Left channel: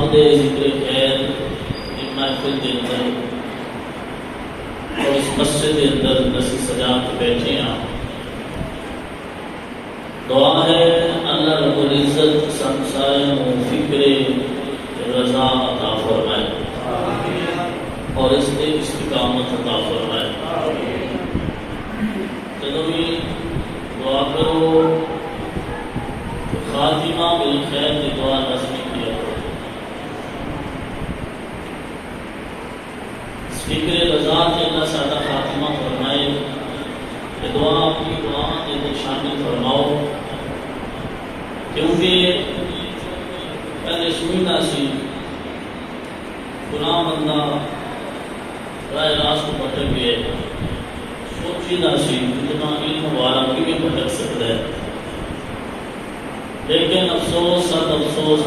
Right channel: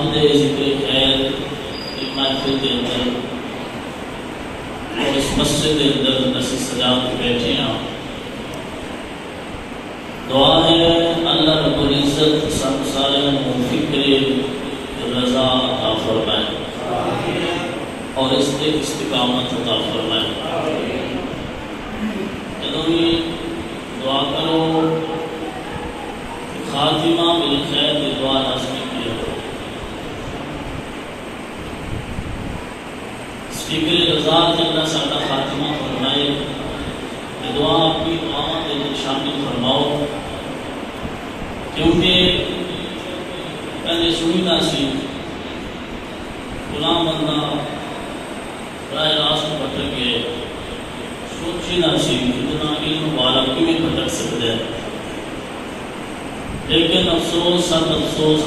آپ دے ذکر خیر کی محفل دے اندر اور اس مسجد کے اندر نصیب سجا کے بیٹھے ہیں. دعا ہے اللہ رب العزت سب سارے فکر رضا عطا فرمائے اور اس کے استقامت عطا فرمائے. جب بھی دعا کرو خاتمہ بالخیر کی دعا لازمی کیا کرو. فکر رضا کے اللہ سادہ خاتمہ فرمائے. یہ دعا اپنی دعا کے اندر شامل فرماؤ کیونکہ پہلے سنی نہ سی گناہ بندہ رائے راست بھٹک گئے سوچی نہ سی اتنا علم والا کیوں بھٹک سکتا ہے. لیکن افسوس سب افسوس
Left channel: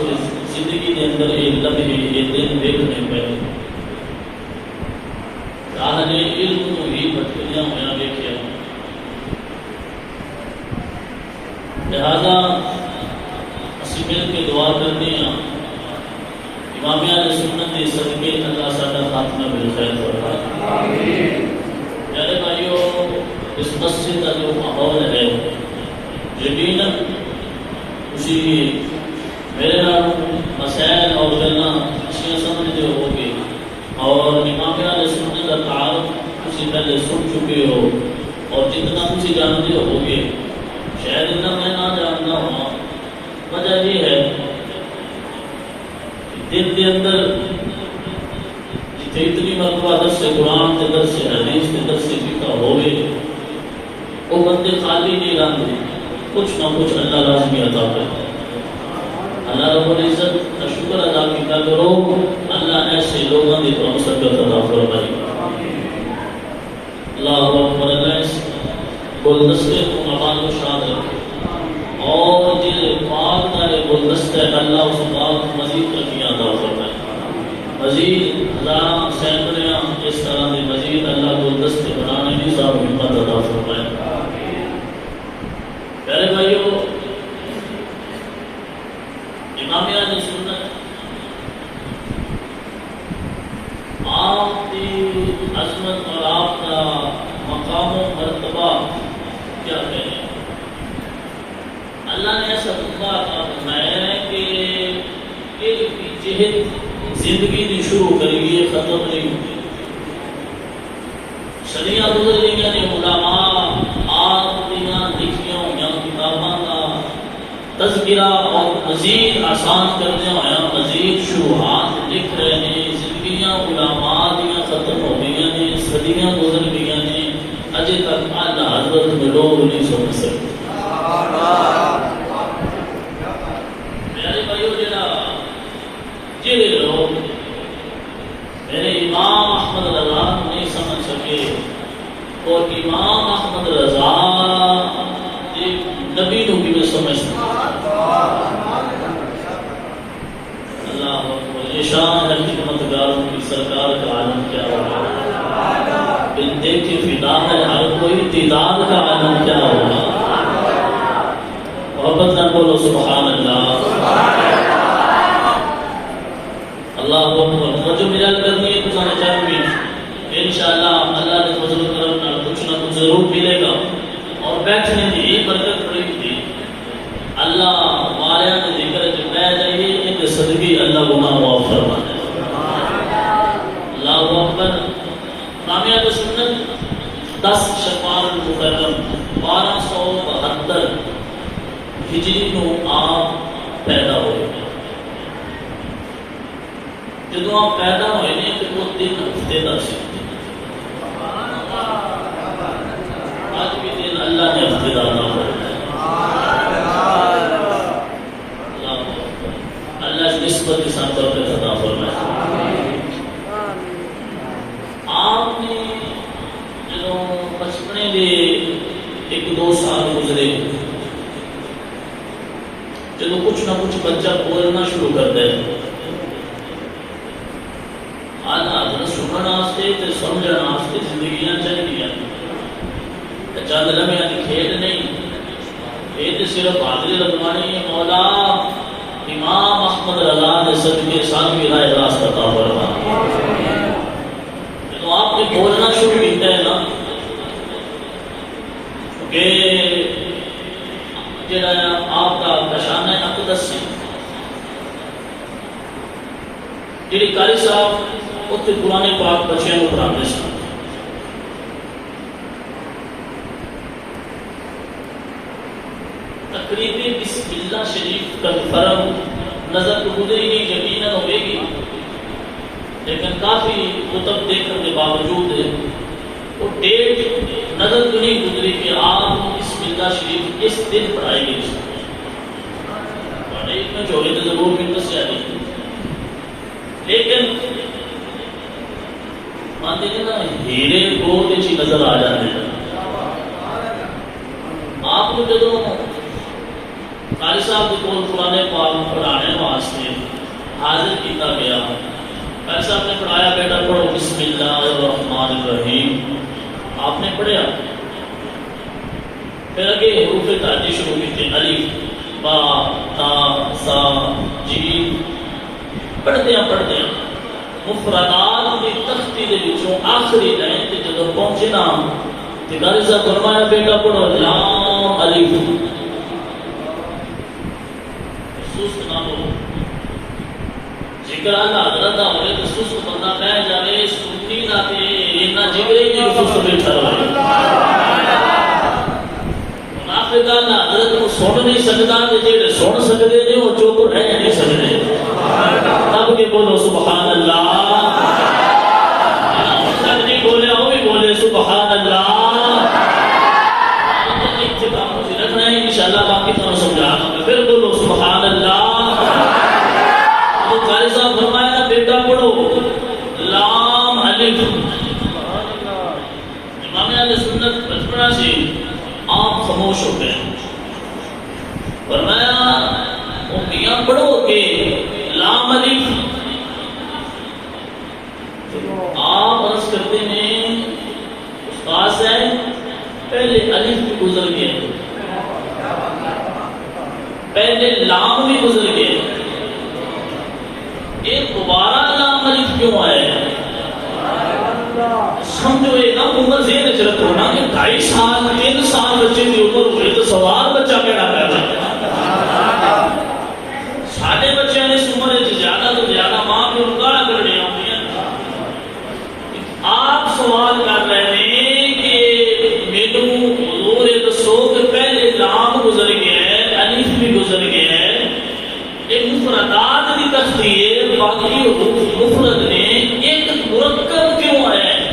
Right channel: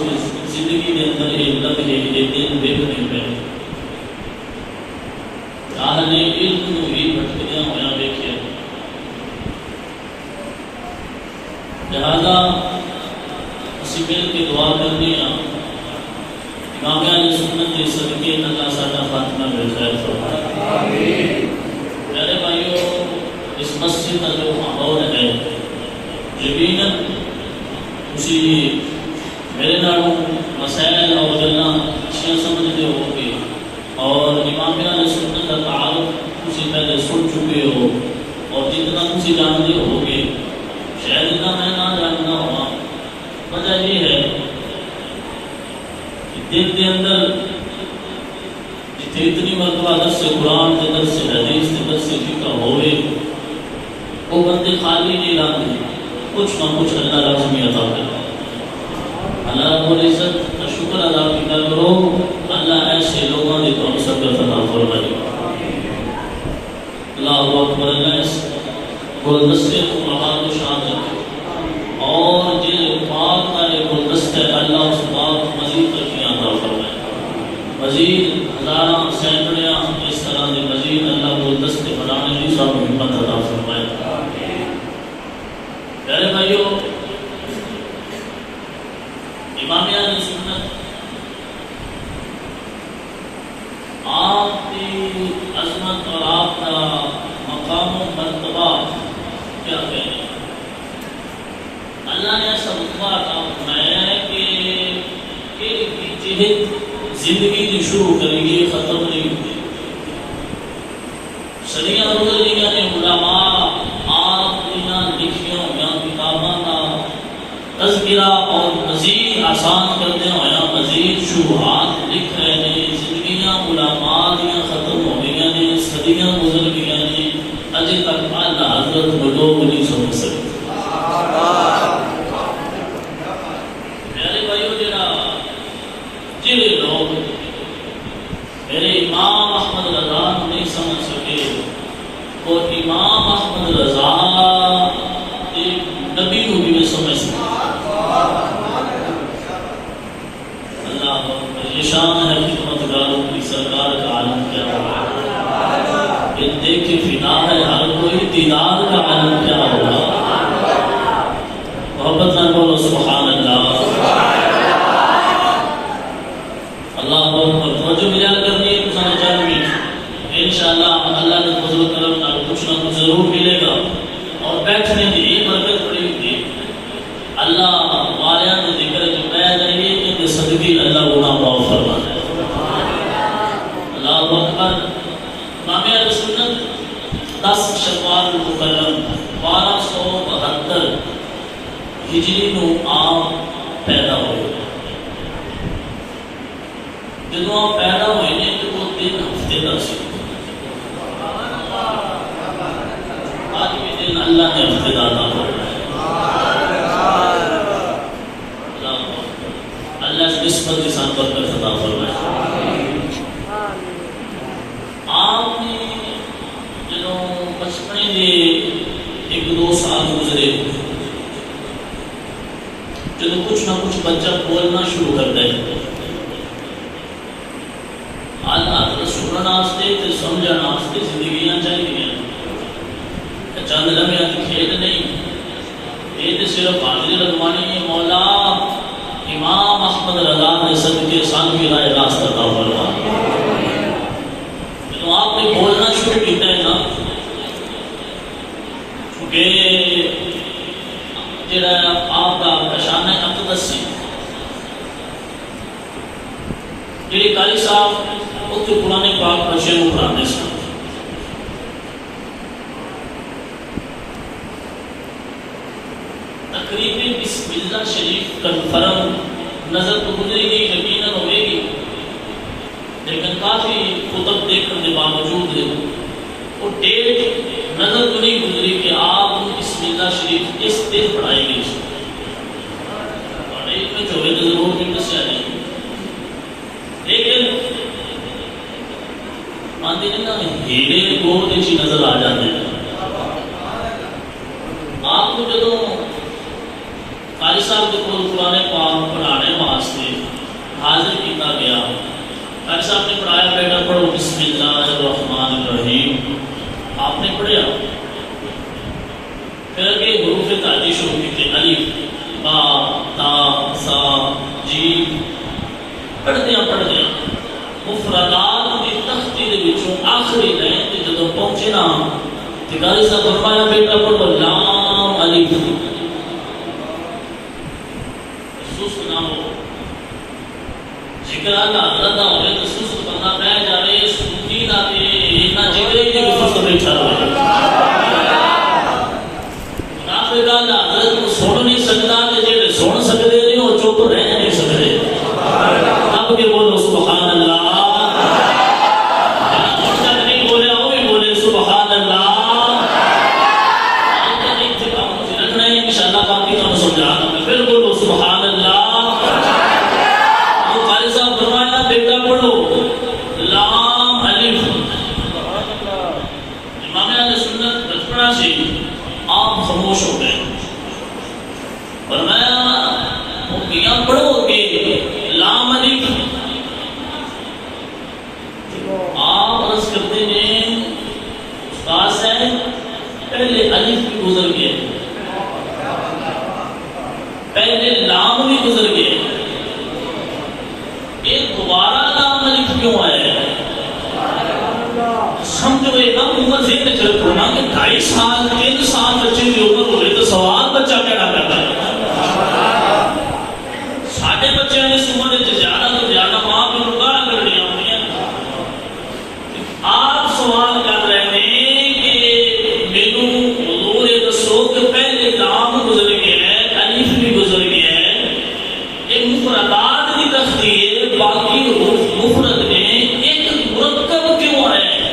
زندگی کے اندر یہ لمحے یہ دن دیکھنے پہ راہ نے علم کو بھی بھٹکدیاں ہوا دیکھا. لہذا اسی مل کے دعا کرنے ہیں امام اہل سنت کے صدقے اللہ سادہ خاتمہ بالخیر فرمائے. میرے بھائیو اس مسجد کا جو ماحول ہے یقیناً اسی میرے نام مسائل اور گلنا اشیاء سمجھتے ہو گے اور امام اہل سنت کا تعارف اسی پہلے سن چکے ہو اور جتنا اسی جانتے ہو گے شاید اتنا میں نہ جاننا ہوا. وجہ یہ ہے دل کے اندر جتنی اتنی مرتبہ درس قرآن کے درس حدیث کے درس فقہ ہوئے وہ بندے خالی نہیں لاتے کچھ نہ کچھ اللہ لازمی عطا کرتا. اللہ رب العزت کا شکر ادا کیا کرو. اللہ ایسے لوگوں نے تو ہم سب کا عطا فرمائے. اللہ اکبر. اللہ اس گلدستے کو آباد و شاد رکھے اور دل پاک کا گلدستہ اللہ اس بات مزید ترقیاں عطا فرمائے. مزید ہزاراں سینکڑیاں اس طرح کے مزید اللہ گلدستے بنانے کی سب ہمت عطا فرمائے. پیارے بھائیو امام اہل سنت آپ کی عظمت اور آپ کا مقام و مرتبہ کیا کہنے. اللہ نے ایسا رتبہ عطا فرمایا کہ ایک بھی جہت زندگی جو شروع کری یہ ختم نہیں ہوتی. صدیاں گزر گئی نے علماء آپ دیا لکھیاں یا کتاباں کا تذکرہ اور مزید آسان کرتے ہوئے مزید شروحات لکھ رہے ہیں. زندگیاں علماء دیا ختم ہو گئی نے صدیاں گزر گئی نے اجے تک اعلیٰ حضرت میں لوگ نہیں سمجھ سکتے. میرے بھائیو جڑے لوگ میرے امام احمد رضا نہیں سمجھ سکے اور امام احمد رضا ایک نبی کو بھی نہیں سمجھ سکے. اللہ اکبر. یہ شان ہے خدمتگاروں کی سرکار کا عالم کیا ہوگا. ان دیکھ کے فدا ہے ہر کوئی دیدار کا عالم کیا ہوگا. محبت نہ بولو سبحان اللہ. اللہ اکبر. توجہ میرا کرنی ہے کچھ نہ چاہیے انشاءاللہ اللہ نے فضل و کرم نہ کچھ ضرور ملے گا اور بیٹھنے کی برکت پڑی تھی. اللہ ماریا نے ذکر جو پہ جائیے ان صدقے اللہ گناہ معاف فرمائے. اللہ اکبر. امام اہل سنت 10 شوال المکرم 1272 ہجری نو آپ پیدا ہوئے. جب آپ پیدا ہوئے نے تو وہ 3 ہفتے کا سی. آج بھی دن اللہ نے ہفتے دار نہ فرمایا. اللہ اس نسبت کے ساتھ برکت عطا فرمائے. آپ نے جب بچپنے کے 1-2 سال گزرے جب کچھ نہ کچھ بچہ بولنا شروع کرتا ہے اللہ سننا واسطے سمجھنا واسطے زندگیاں چاہیے. چند لمحے کھیل نہیں یہ تو صرف حاضری لگوانی ہے. مولا امام احمد رضا نے صدقے سان کی رائے راست عطا فرما. تو آپ نے بولنا شروع کیتا ہے نا کہ جڑا آپ کا نشانہ اقدس سی جڑے قاری صاحب اتنے قرآن پاک بچے کو پڑھاتے سن. تقریبی بسم اللہ شریف کنفرم نظر تو گزری گئی یقیناً ہوئے گی لیکن کافی کتب دیکھنے کے باوجود وہ ڈیٹ نظر تو نہیں گزری کہ آپ بسم اللہ شریف اس دن پڑھائی گئی پڑھائی میں جو ہے ضرور بھی سے آ جائے لیکن آتے نا ہیرے دو چیز نظر آ جاتے ہیں. آپ کو جدو قاری صاحب کے قرآن پاک پڑھانے واسطے حاضر کیا گیا قاری صاحب نے پڑھایا بیٹا پڑھو بسم اللہ الرحمن الرحیم. آپ نے پڑھیا پھر اگے حروف تعدی شروع کی الف با تا سا جیم پڑھتے ہیں مفردات کی تختی دے وچوں آخری لائن تے جدوں پہنچنا تے قاری صاحب فرمایا بیٹا پڑھو لام الف. سست نہ ہو ذکر اللہ حضرت دا ہوئے تو سست بندہ بہ جائے سنی نہ تے اتنا جگرے کی سست بیٹھا رہے. منافق اللہ حضرت کو سن نہیں سکتا کہ جے سن سکتے نہیں وہ چپ رہ نہیں سکتے. اب کے بولو سبحان اللہ. نہیں بولے وہ بھی بولے سبحان اللہ. رکھنا ہے انشاءاللہ باقی تو سمجھا پھر بولو سبحان اللہ. تو قاری صاحب فرمایا بیٹا پڑھو لام الف. امام اہل سنت بچپنا سے آپ خاموش ہو گئے. فرمایا وہ میاں پڑھو کہ لام الف. آپ عرض کرتے ہیں استاد سے پہلے الف بھی گزر گئے پہلے لام بھی گزر گئے ایک دوبارہ لام الف کیوں آیا ہے؟ سمجھو ایک عمر ذہن چل رہا کہ 2.5 سال 3 سال بچے کی عمر ہوئے تو سوال بچہ پیدا کرتا ہے. ساڈے بچے نے اس عمر زیادہ تو زیادہ ماں پیو کو گالاں کڈنی آؤندیاں. آپ سوال کر رہے ہیں کہ میرے حضور دسو کہ پہلے لام گزر گیا ہے الف بھی گزر گیا ہے ایک مفردات کی تختی ہے باقی مفرد نے ایک مرکب کیوں آیا ہے؟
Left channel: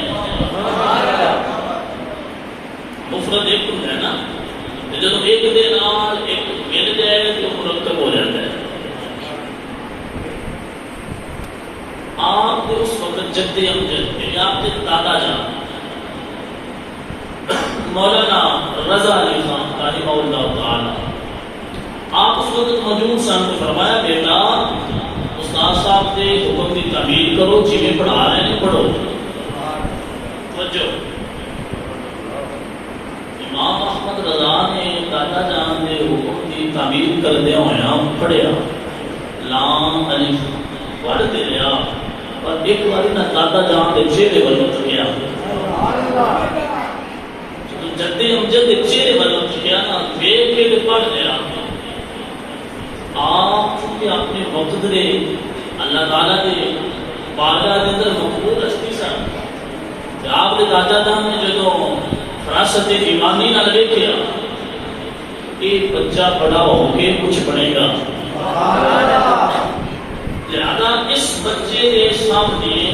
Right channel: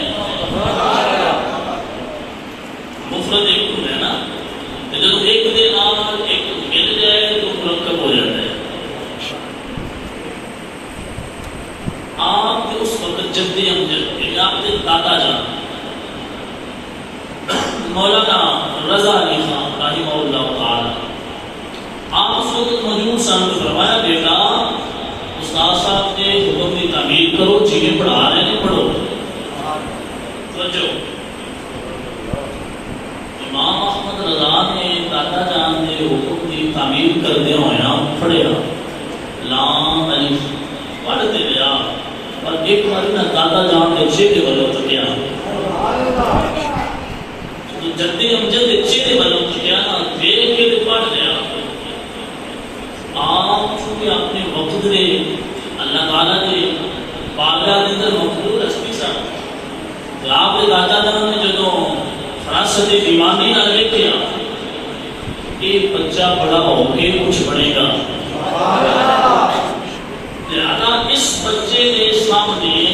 مفرد ایک ہوتا ہے نا جب ایک دے نال ایک مل جائے تو مرکب ہو جاتا ہے. آپ کے اس وقت جد امجد آپ کے دادا جان مولانا رضا علی خان رحمہ اللہ تعالی آپ اس وقت موجود سن. فرمایا بیٹا استاد صاحب کے حکم کی تعمیل کرو جی پڑھا رہے ہیں پڑھو. توجہ امام احمد رضا نے دادا جان کے حکم کی تعمیل کردیا ہوا پڑھیا لام الف پڑھتے رہا اور ایک بار نہ دادا جان کے چہرے والوں چکیا جدے امجد کے چہرے والوں چکیا نا دیکھ کے پڑھ لیا. آپ چونکہ اپنے وقت دے اللہ تعالیٰ دے بارگاہ دے اندر مقبول ہستی سن. آپ کے دادا جان نے جدوں فراست ایمانی نہ دیکھا یہ بچہ بڑا ہو کے کچھ بنے گا لہذا اس بچے کے سامنے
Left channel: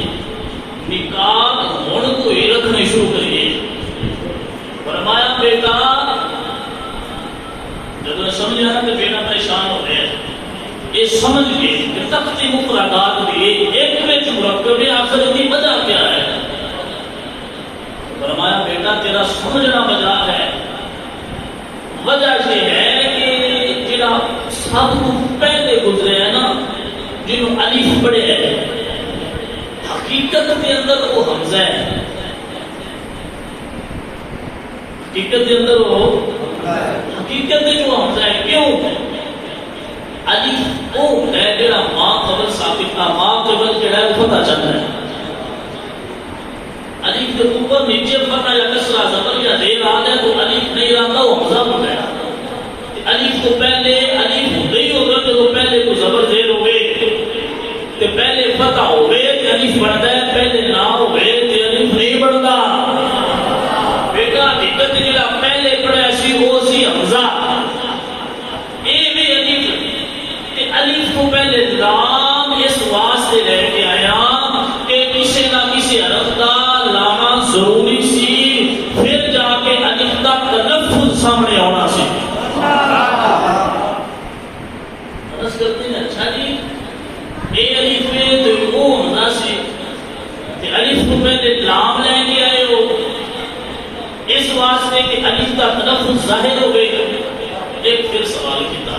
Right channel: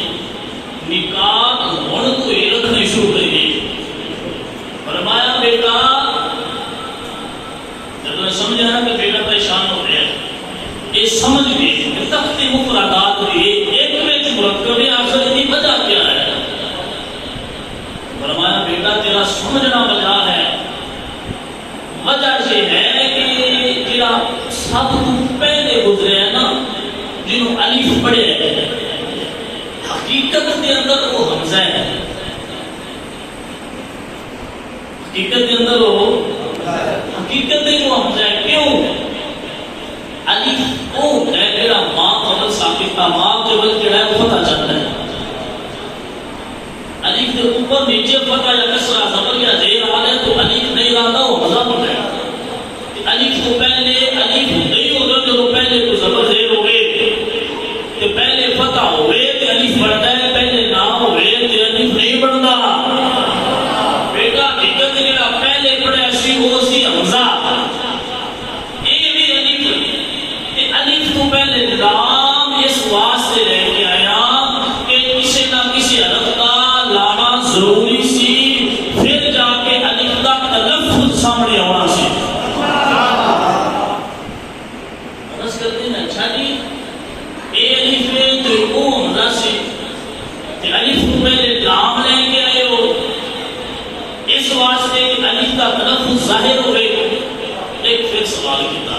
نکاح ہونے کو ہی رکھنا شروع کریے. فرمایا بیٹا جب میں سمجھا کہ بیٹا پریشان ہو گیا یہ سمجھ گئے کہ تختی مفردات لیے ایک وچ مرکب آخر کی وجہ کیا ہے. فرمایا بیٹا تیرا سمجھنا وجہ ہے. وجہ یہ ہے کہ جڑا سب تو پہلے گزرے ہے نا جنہوں الف پڑھے ہے حقیقت کے اندر وہ حمزہ ہے. حقیقت کے اندر وہ حقیقت جو حمزہ ہے کیوں الف او ماں کے بل کے ڈائم فتح چلتا ہے علیف کے اوپر نیچے فتح یا کسرہ زبر یا زیر آ جائے تو علیف نہیں آتا وہ مذہب ہو جائے علیف تو پہلے علیف نہیں ہوگا تو پہلے کو زبر زیر ہو گئے تو پہلے فتح ہو گئے تو علیف بڑھتا ہے پہلے نہ ہو گئے تو علیف نہیں بڑھتا بیٹا حقیقت جڑا پہلے پڑھیا سی وہ سی حمزہ یہ بھی علیف تے علیف تو پہلے لام اس واسطے لے کے آیا کہ کسی نہ کسی حرف کا لانا ضروری سی پھر جا کے علیف کا تلفظ سامنے آنا سی بس کرتے ہیں اچھا جی اے علیف میں تو وہ ہونا سی تے علیف تو پہلے لام لے کے آئے ہو اس واسطے کہ علیف کا تلفظ ظاہر ہو گئی ایک پھر سوال کیا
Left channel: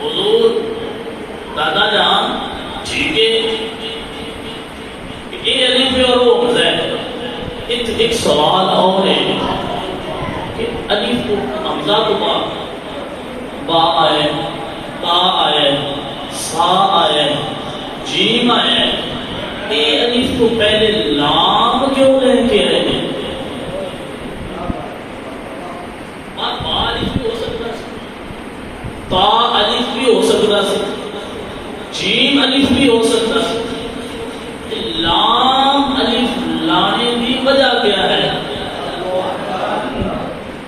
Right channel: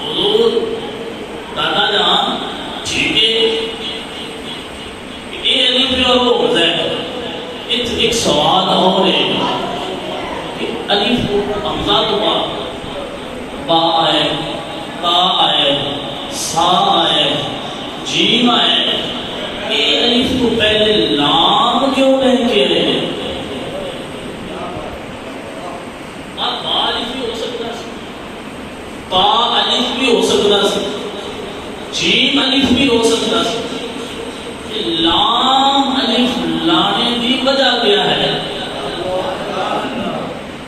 حضور دادا جان ٹھیک ہے کہ یہ علیف اور وہ ہوتا ہے ایک سوال اور ہے کہ علیف حمزہ تو با آئے تا آئے سا آئے جیم آئے یہ علیف تو پہلے لام کیوں لے کے رہے آپ با علیف بھی ہو سکتا ہے تا علیف بھی ہو سکتا ہے جیم علیف بھی ہو سکتا ہے لام علیف لانے کی وجہ کیا ہے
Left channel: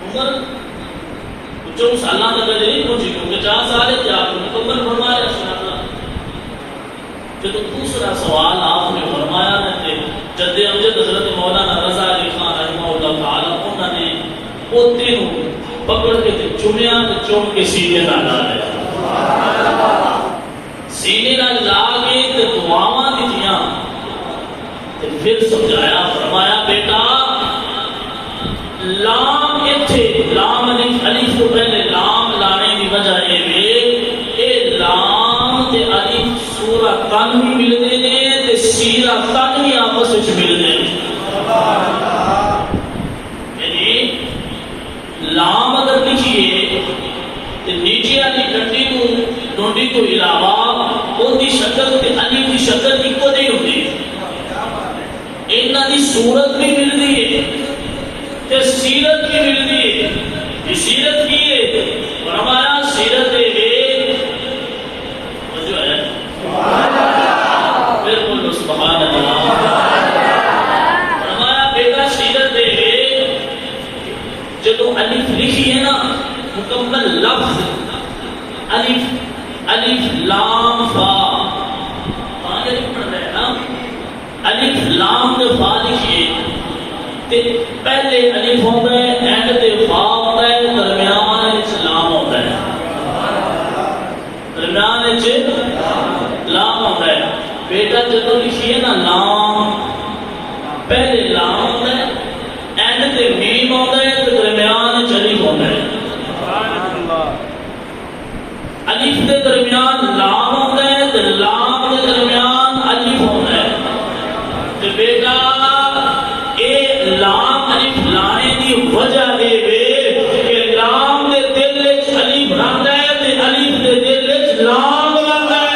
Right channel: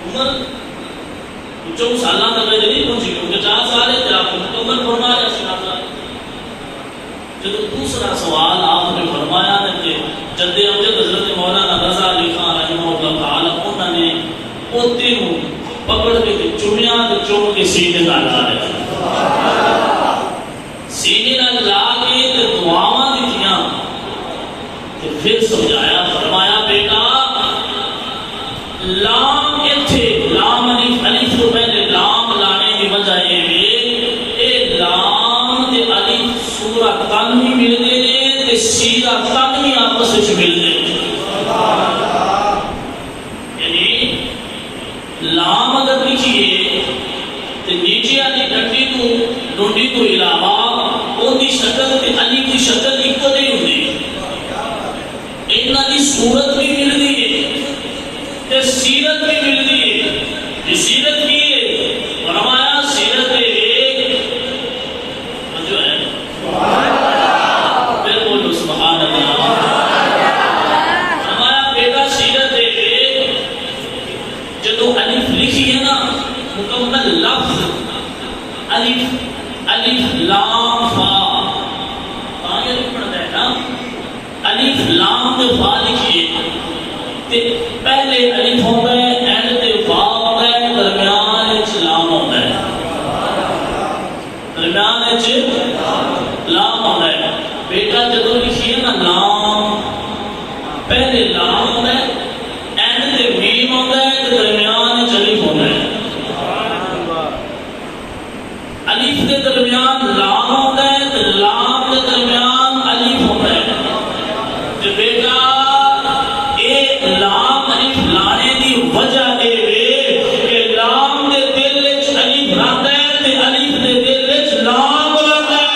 عمر جو سالہ میں نہیں پہنچی کیونکہ 4 سال ہے آپ کو مکمل فرمایا جو دوسرا سوال آپ نے فرمایا ہے جد امجد حضرت مولانا رضا علی خان رحمہ اللہ تعالی انہوں نے پوتے نو پکڑ کے چومیاں چوم کے سینے لا دیا سینے لا کے دعاواں دیتیاں پھر سمجھایا فرمایا بیٹا لام ایتھے لام علیف تو پہلے لام لانے کی وجہ اے لام تے علیف سورہ تن بھی ملتے ہیں تے سیرہ تن بھی آپس میں ملتے ہیں یعنی لام اگر لکھیے تو نیچے والی ڈنڈی کو علاوہ وہ دی شکل تے علیف کی شکل ایک تو نہیں ہوتی انہاں دی صورت بھی ملتی ہے تے سیرت بھی ملتی ہے یہ سیرت کی ہے فرمایا سیرت سبحان اللہ فرمایا بیٹا سیرت جدو الف لکھی ہے نا مکمل لفظ الف لام فا یہ پڑھتا ہے نا الف لام تے فا لکھیے تے پہلے الف ہوتا ہے اینڈ تے فا ہوتا ہے درمیان وچ لام ہوتا ہے درمیان وچ لام ہوتا ہے بیٹا جدو لکھیے نا لام پہلے لام ہوتا ہے اینڈ تے میم ہوتا ہے تے درمیان وچ الف ہوتا ہے الف کے درمیان لام ہوتا ہے تے لام کے درمیان الف ہوتا ہے تے بیٹا اے لام الف لانے دی وجہ اے کہ لام دے دل وچ الف رہندا ہے تے الف دے دل وچ لام رہندا ہے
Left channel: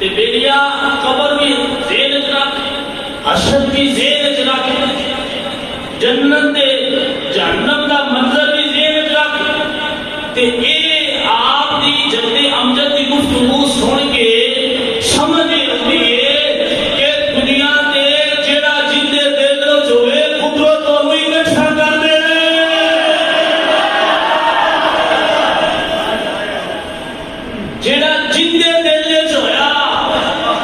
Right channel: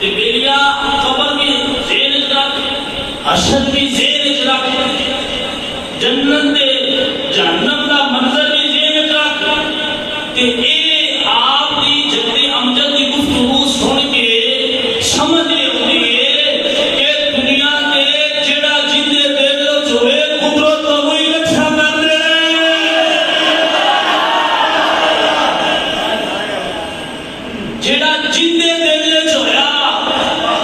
تے بیلیا قبر کی زیر اجراک حشر کی زیر اجراک جنت دے جہنم دا منظر بھی زیر اجراک تے اے آپ دی جد امجد دی گفتگو سن کے سمجھ ہوئی ہے کہ دنیا تے جڑا جندے دل وچ ہوئے قدرت وہی اکٹھا کر دے جڑا جندے دل وچ ہویا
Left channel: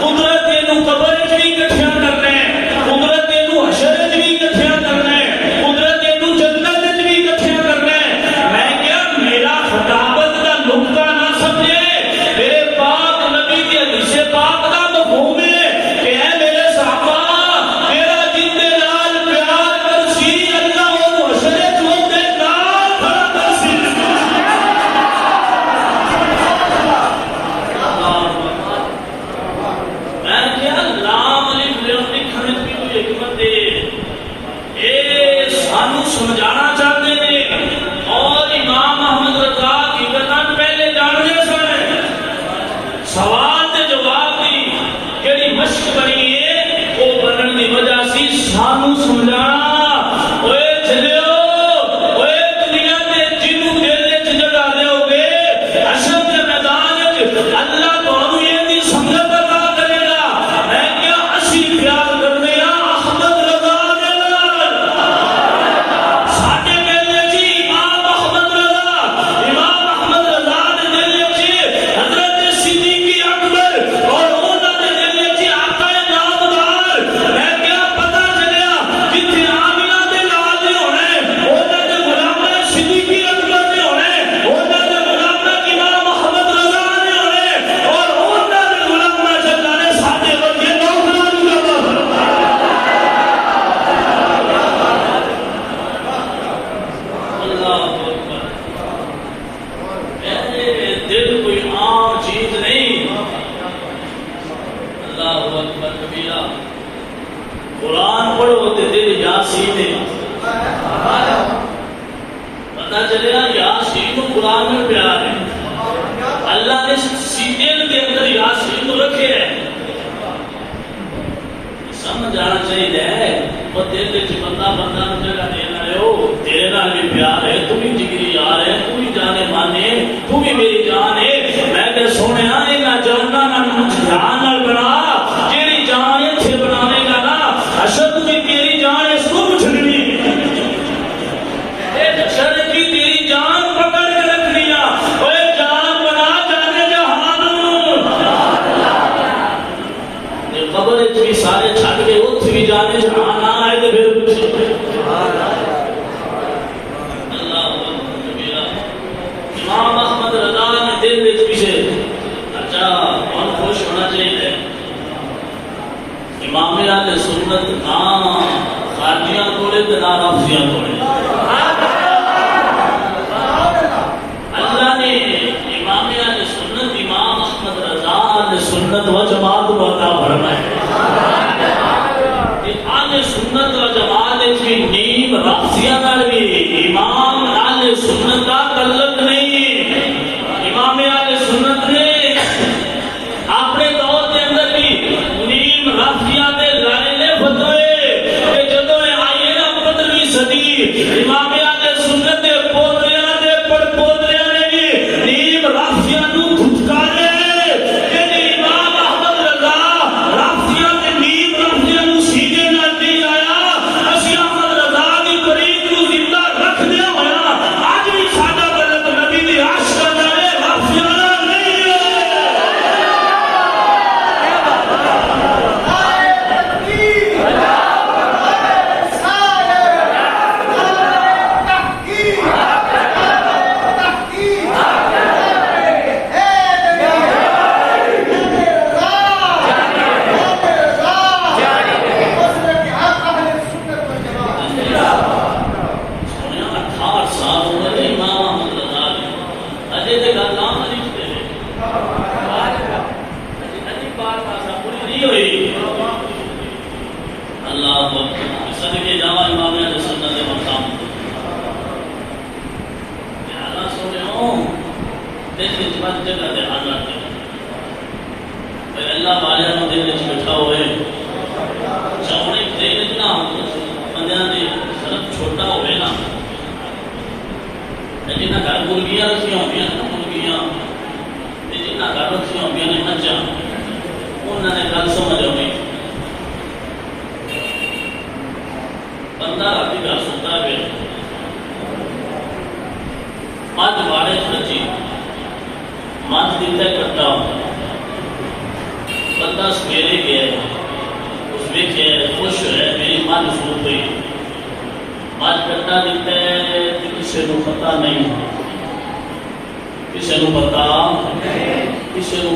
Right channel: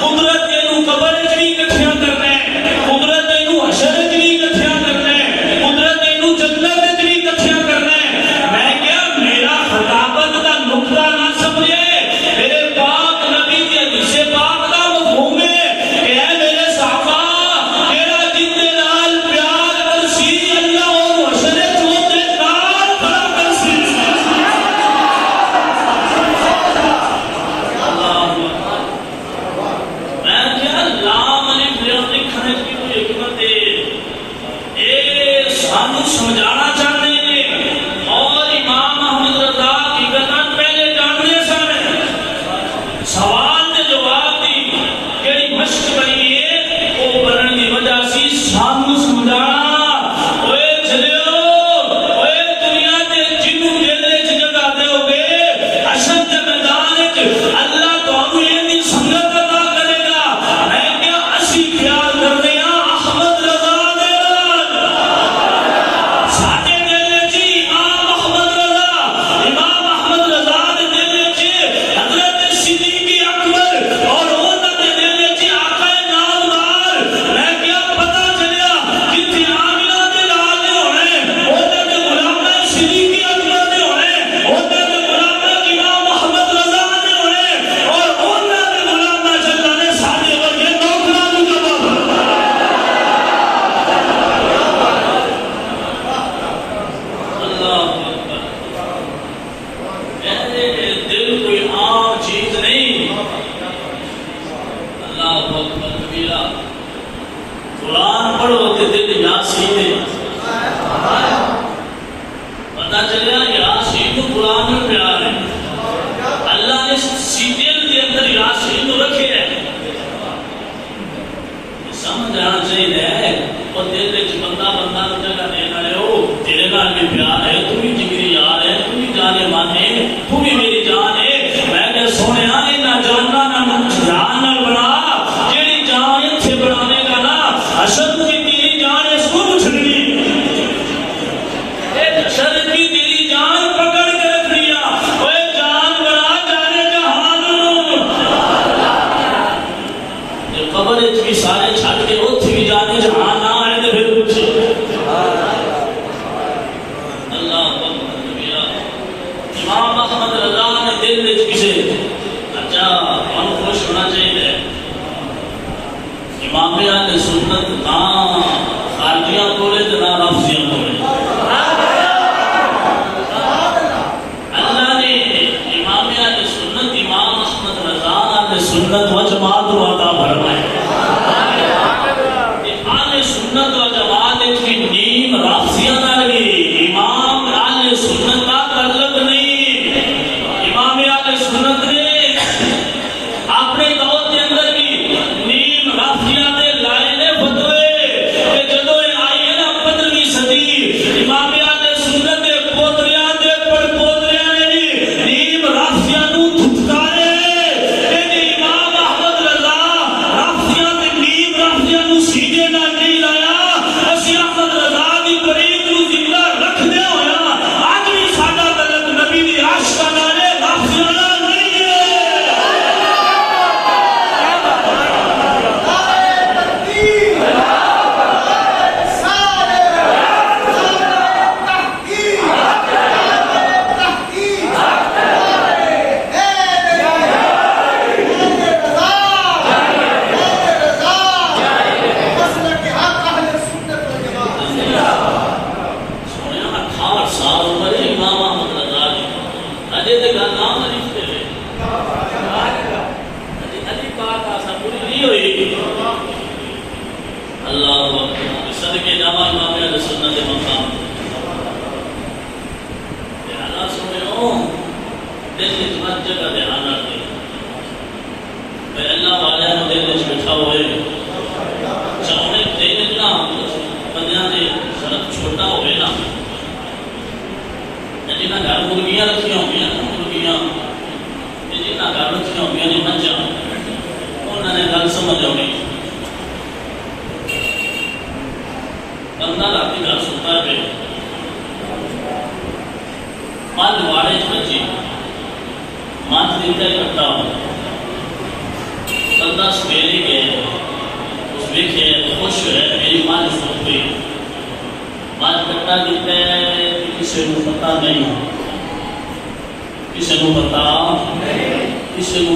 قدرت نو قبر وچ بھی اکٹھا کرنا ہے قدرت نو حشر وچ بھی اکٹھا کرنا ہے قدرت نو جنت وچ بھی اکٹھا کرنا ہے میں کیا میرا خطابت کا نقطہ نہ سمجھے میرے پاک نبی کی حدیث پاک کا مفہوم ہے کہ اے میرے صحابہ میرا جندے نال پیار کرسی اللہ اور حشر وچ ہوتے نال کرسی میں کیا لام الف لکھنے کی کوئی حکمت ہے اے سانو سمجھانا چاہتے ہیں اور امام احمد رضا کی گردن پہلے جاننے سن سوال دے جواب دی کیڑی مشق بنی ہے وہ بنن دی وجہ سی سانو سمجھانا اوے چلیو اوے دنیا دے جنوں دل وچ جگہ دے ہوگے حشر دے میدان وچ اللہ تانوں یہ دی سمجھ عطا کرے گا میں کیا اسی پیار کرنے ہاں احمد رضا دے نال ساڈے دل وچ امام احمد رضا دے دل وچ حضرت صدیق اکبر اور انہاں دے دل وچ آقا نامدار میں کیا پتہ چلیا جتھے آمینہ دے لال دے ہونے انہاں دے غلام صدیق اکبر دے ہونے انہاں دے غلام امام احمد رضا دے ہونے اور انہاں دے غلام جلال نے ساڈے ورگے نوکراں نوں عطا فرمایا اللہ اکبر اے دل کوئی عام چیز نہیں اللہ اکبر کبیرہ قرآن پڑھو تے دل یاسین ہے پتہ چلیا یاسین کو قرآن میں پیار ہے اللہ نے سیدل کے اندر یاسین کو رکھے ہے سمجھ آنا چاہیے اور دل وچ بندہ بندہ نوں جگہ دین والے ہو تیرے نال بھی پیار ہے تو بھی جگری یار ہے تو بھی جانے مانے تو بھی میری جان ہے میں کہ سونیا انہاں جاناں نال جان نال بنا جیڑی جان ایتھے بناوے گا نا حشر کی تیری جان اس کو اٹھنی اے حشر کی تیری جان پکڑ کے رکھنی ہے اوے جان بنا جانے جہان یہ قبر وچ بھی سارے چھڈ کے اوتھے بھی جانے جہان نہ آئے تے پھر کچھ اللہ اکبر کبیرہ امام احمد رضا نے دل وچ کسے اچھا ہم خوش ہونا چاہیے امام اہل سنت نہ خارجیاں کولے تے نہ رافضیاں کولے اللہ نے امام اہل سنت امام احمد رضا اہل سنت و جماعت کو عطا فرمایا اہل سنت و جماعت کی نیم رافضیاں نال بھی امام اہل سنت کا تعلق نہیں امام اہل سنت نے اپنے دور کے اندر بھی نیم رافضیاں دے لائے نے فتوے کہ جدوں آئی ہے نا 15ویں صدی امام اہل سنت دے پوتریاں دے پوتریاں نے بھی نیم رافضیاں نوں دھتکارے کہ امام احمد رضا رافضیاں تے نیم رافضیاں نوں سیدھے نال نہیں لایا اسی احمد رضا دی طریق نوں زندہ رکھدے ہویا اج بھی ساڈا تعلق نبی دی عاشقاں نال ہے رافضیاں نال نہیں ہے سونے 18 سال عمر ہے امام احمد رضا دی اجے تے گل نام علیف تے اجے علی پاک واسطہ پوری نہیں ہوئی اللہ اکبر صدقے جاواں امام اہل سنت دے مقام لہذا سونے دل وچ مت جگہ دے آنا اللہ والے کو دل وچ بٹھا ہوئے چاہے دل اتنا بندیاں دے صرف چھوٹا ہوئے نا جنہاں گھر مرغیاں رکھیاں ہوئیاں نا مرغیاں جنہاں گھر رکھیاں ہوئیاں نے مجھاں انہوں نے گل سمجھ آئی بندہ راتی گھر ستا پہ مجھ واڑے بچی مجھ دل کا اکٹھا ہو بندہ سویرے گیا اس ویکھے خوش ہے میری مجھ سو گئی مجھ کٹا دیتا ہے کسی کو پتہ نہیں کسی کو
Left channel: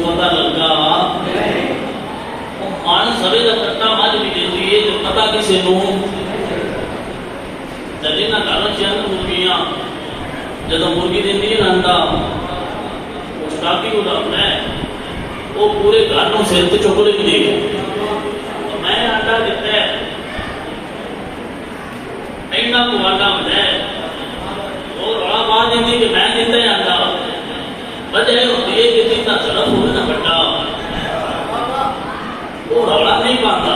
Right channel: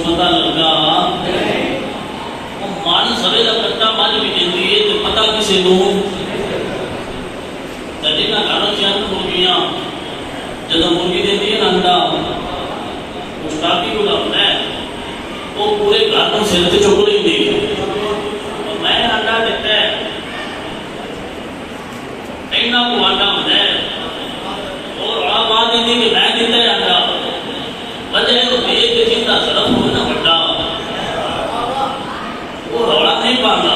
پتہ لگا وہ مجھ سوے کا کٹا مجھ بھی دیتی ہے جو پتہ کسی کو جدی نہ گھروں چین مرغیاں جدو مرغی دیتی ہے انڈا اس ٹاکی اڑاتا ہے وہ پورے گھروں سے چک رہی تھی میں انڈا دیتا ہے اینا کو انڈا ہوتا ہے اور بڑا بات یہ تھی کہ میں دیتا ہے انڈا وجہ ہے تو دیکھ کے چنتا طرف ہوئے نہ بٹا وہ روڑا نہیں پاتا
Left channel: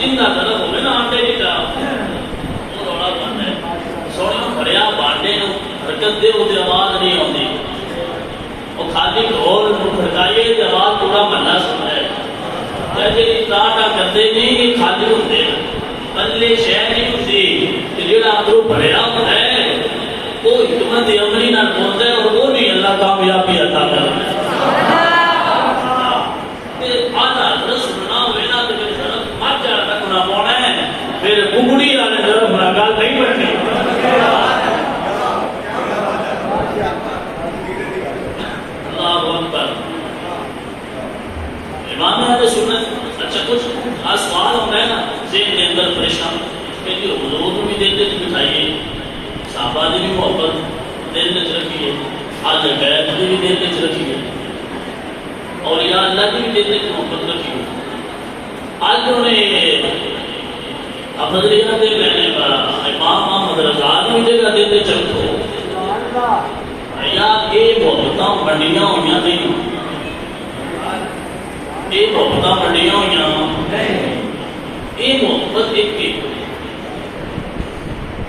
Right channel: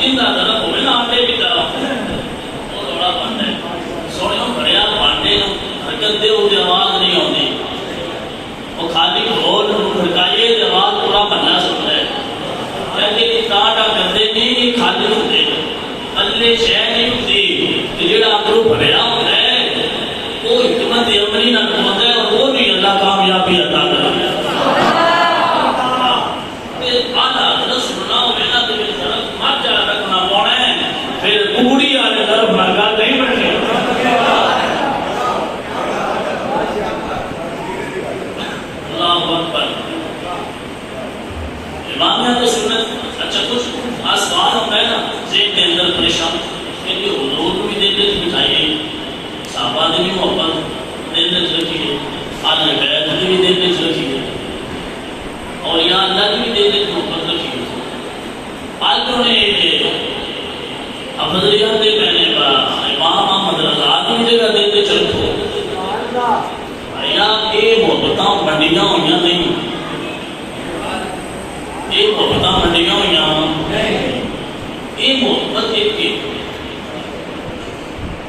چنتا طرف ہوئے نہ انڈے دیتا وہ روڑا پاتا ہے سوڑیوں بھریا بانڈے حرکت دے ہوتے آواز نہیں ہوتی وہ خالی ڈھول کھڑکائیے کی آواز پورا محلہ سنتا ہے کہتے کہ تاٹا کرتے نہیں یہ خالی ہوتے پلے شہر نہیں ہوتی کہ جڑا اندروں بھریا ہوتا ہے وہ حکمت عملی نہ ہوتا ہے اور وہ بھی اللہ کامیابی عطا کرتا ہے آدھا حضرت سننا ہوئے نا تو پھر طرف مت جا رکھنا پونا ہے پھر کبڑی آنے طرف ناگا نہیں بیٹھے اللہ اکبر امام ہے تو سنت اچھا کچھ سوال ہوتا ہے نا ذہن کے اندر پریشان کہ حضور کو بھی دل میں بٹھائیے صحابہ نے بھی محبت دل میں رکھیے آج بیت نے بھی دل میں رکھیے اور یا اللہ کی بھی دل میں محبت رکھیے آج انہیں افضلیات میں نے امام محمد رضا کی بھی جگہ دل میں رکھو یا یہ محبتاں بنڈیاں ہوئیاں نہیں یہ محبتاں بنڈیاں ہوئیاں یہ محبت ایک کی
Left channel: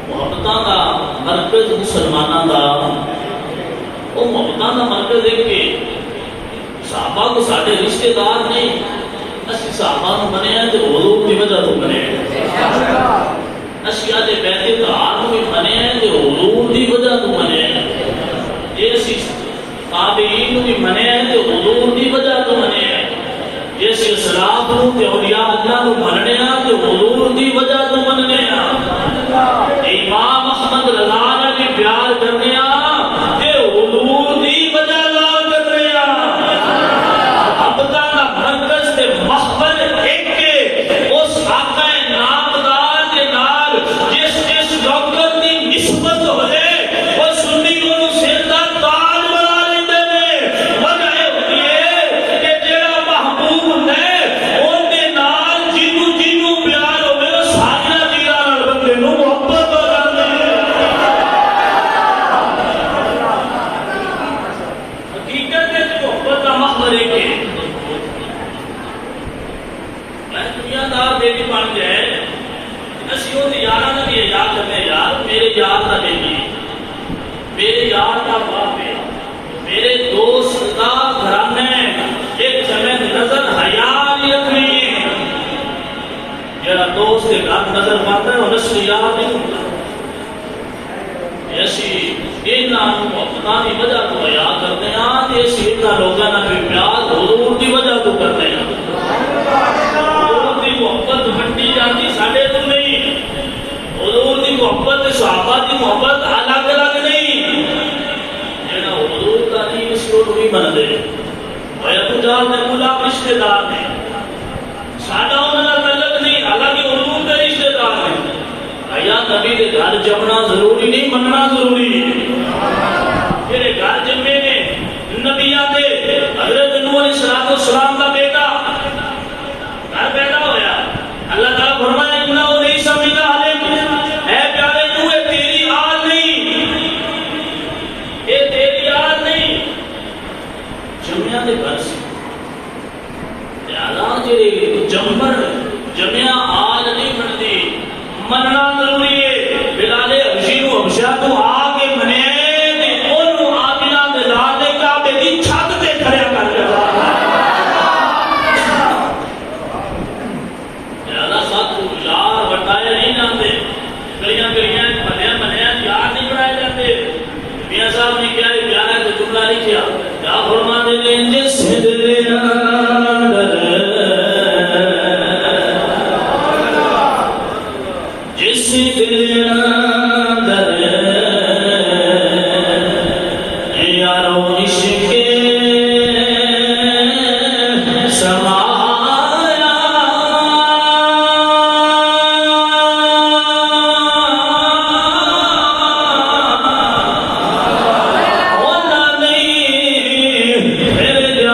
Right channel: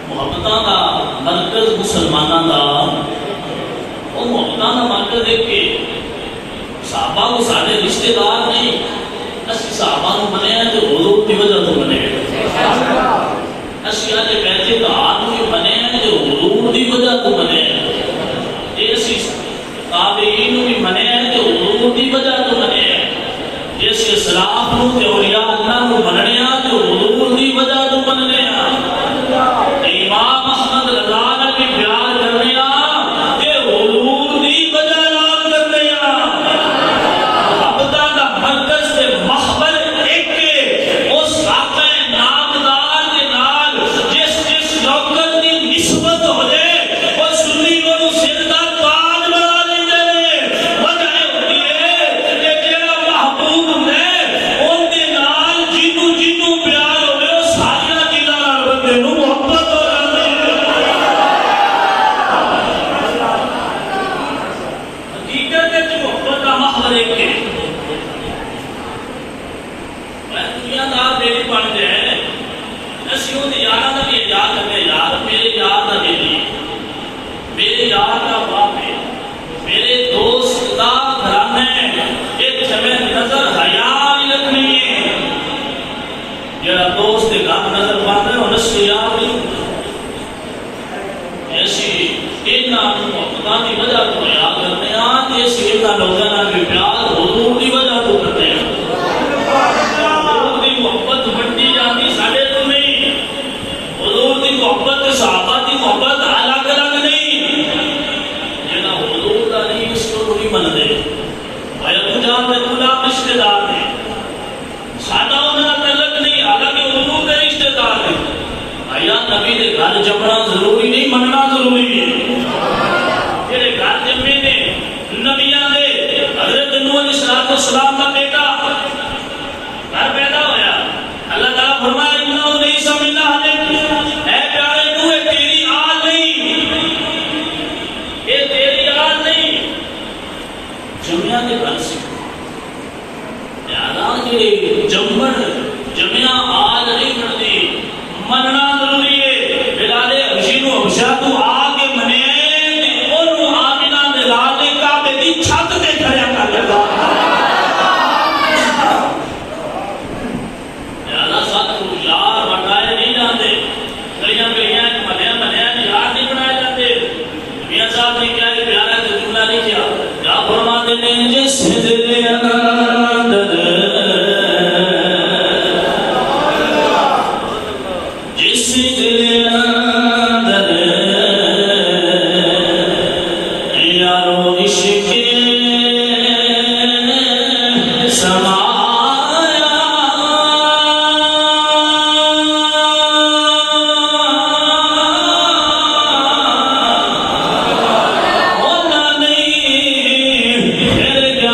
محبتاں کا مرکز مسلمانوں کا وہ محبتاں کا مرکز ایک کے صحابہ کو سارے رشتے دار نہیں اسی صحابہ کو بنے ہیں جو حضور کی وجہ تو بنے ہیں اسی آدھے بیت دار کو بنے ہیں جو حضور کی وجہ تو بنے ہیں جیسی تابعین بھی بنے ہیں جو حضور کی وجہ تو بنے ہیں جیسے اسلاف نو تے اولیاء اللہ نو بننے ہیں جو حضور کی وجہ تو بننے ہیں امام احمد رضا نے بھی پیار کرنے ہیں کہ حضور کی وجہ نال کرنے ہیں ابدا کا مرکز تے محبت ایک کے اس آقا نامدار کے نال جس جس لوکت کی نسبت ہو جائے وہ سنی کو سر دا تاج بنا لیندے نے وجہ ہوتی ہے کہ جڑا محبوب ہے ان دے نال جنوں جنوں پیار ہوے وہ ساری چیزاں نال بندے نوں محبت ہو جاندی ہے حقیقت وچ محبت دا محور ایک ہے دنیا دا میری بن جائے اسی وہ یاراں دا بھی یاد کرے یار میرے یار دا دلی میرے یار کا باپ ہے میرے دوست کا گھرانا ہے ایک جمع نظر حیا نہیں رکھنی ہے جڑا دوست کے گھر نظر پاتا ہے وہ نسلیات نہیں ہوتا ایسی انہاں محبتاں دی وجہ تو یاد کرنے ہیں ایسی انہاں لوگاں نال بھی پیار حضور دی وجہ تو کرتے ہیں حضور دی محبت بنتی جاتی ساڈے تو نہیں حضور دی محبت صحابہ دی محبت الگ الگ نہیں جڑا حضور دا نہیں اس کو نہیں بندے اور کجا تے کجا رشتہ دار نے ساڈا انہاں نال تعلق نہیں حالانکہ حضور دے رشتہ دار نے آیا نبی دے گھر جمنا ضروری نہیں مننا ضروری ہے جڑے گھر جمے نے نبیاں دے حضرت نوح علیہ السلام کا بیٹا گھر پیدا ہویا اللہ تعالیٰ فرمایا انہوں نہیں سمجھنا اے پیارے نوح تیری آل نہیں یہ تیری آل نہیں جمعہ دے گھر سے کے جمبر جمعہ آج نہیں بڑھتی مننا ضروری ہے بلال حبشی کو حبشہ تو آگے منے اور آمینہ دے لالے کعبے دی چھت تے کھڑے کر دیتا زیادہ ساتھ یار بٹائے نہیں جاتے گلیاں گلیاں ملیاں یار نہیں بنائے جاتے میاں صاحب نے کیا پیارا ہے تو جملہ نہیں کیا کیا فرماتے ہیں جس دل اندر جس دل اندر یارو عشق سمایا ہونا نہیں پھر جانا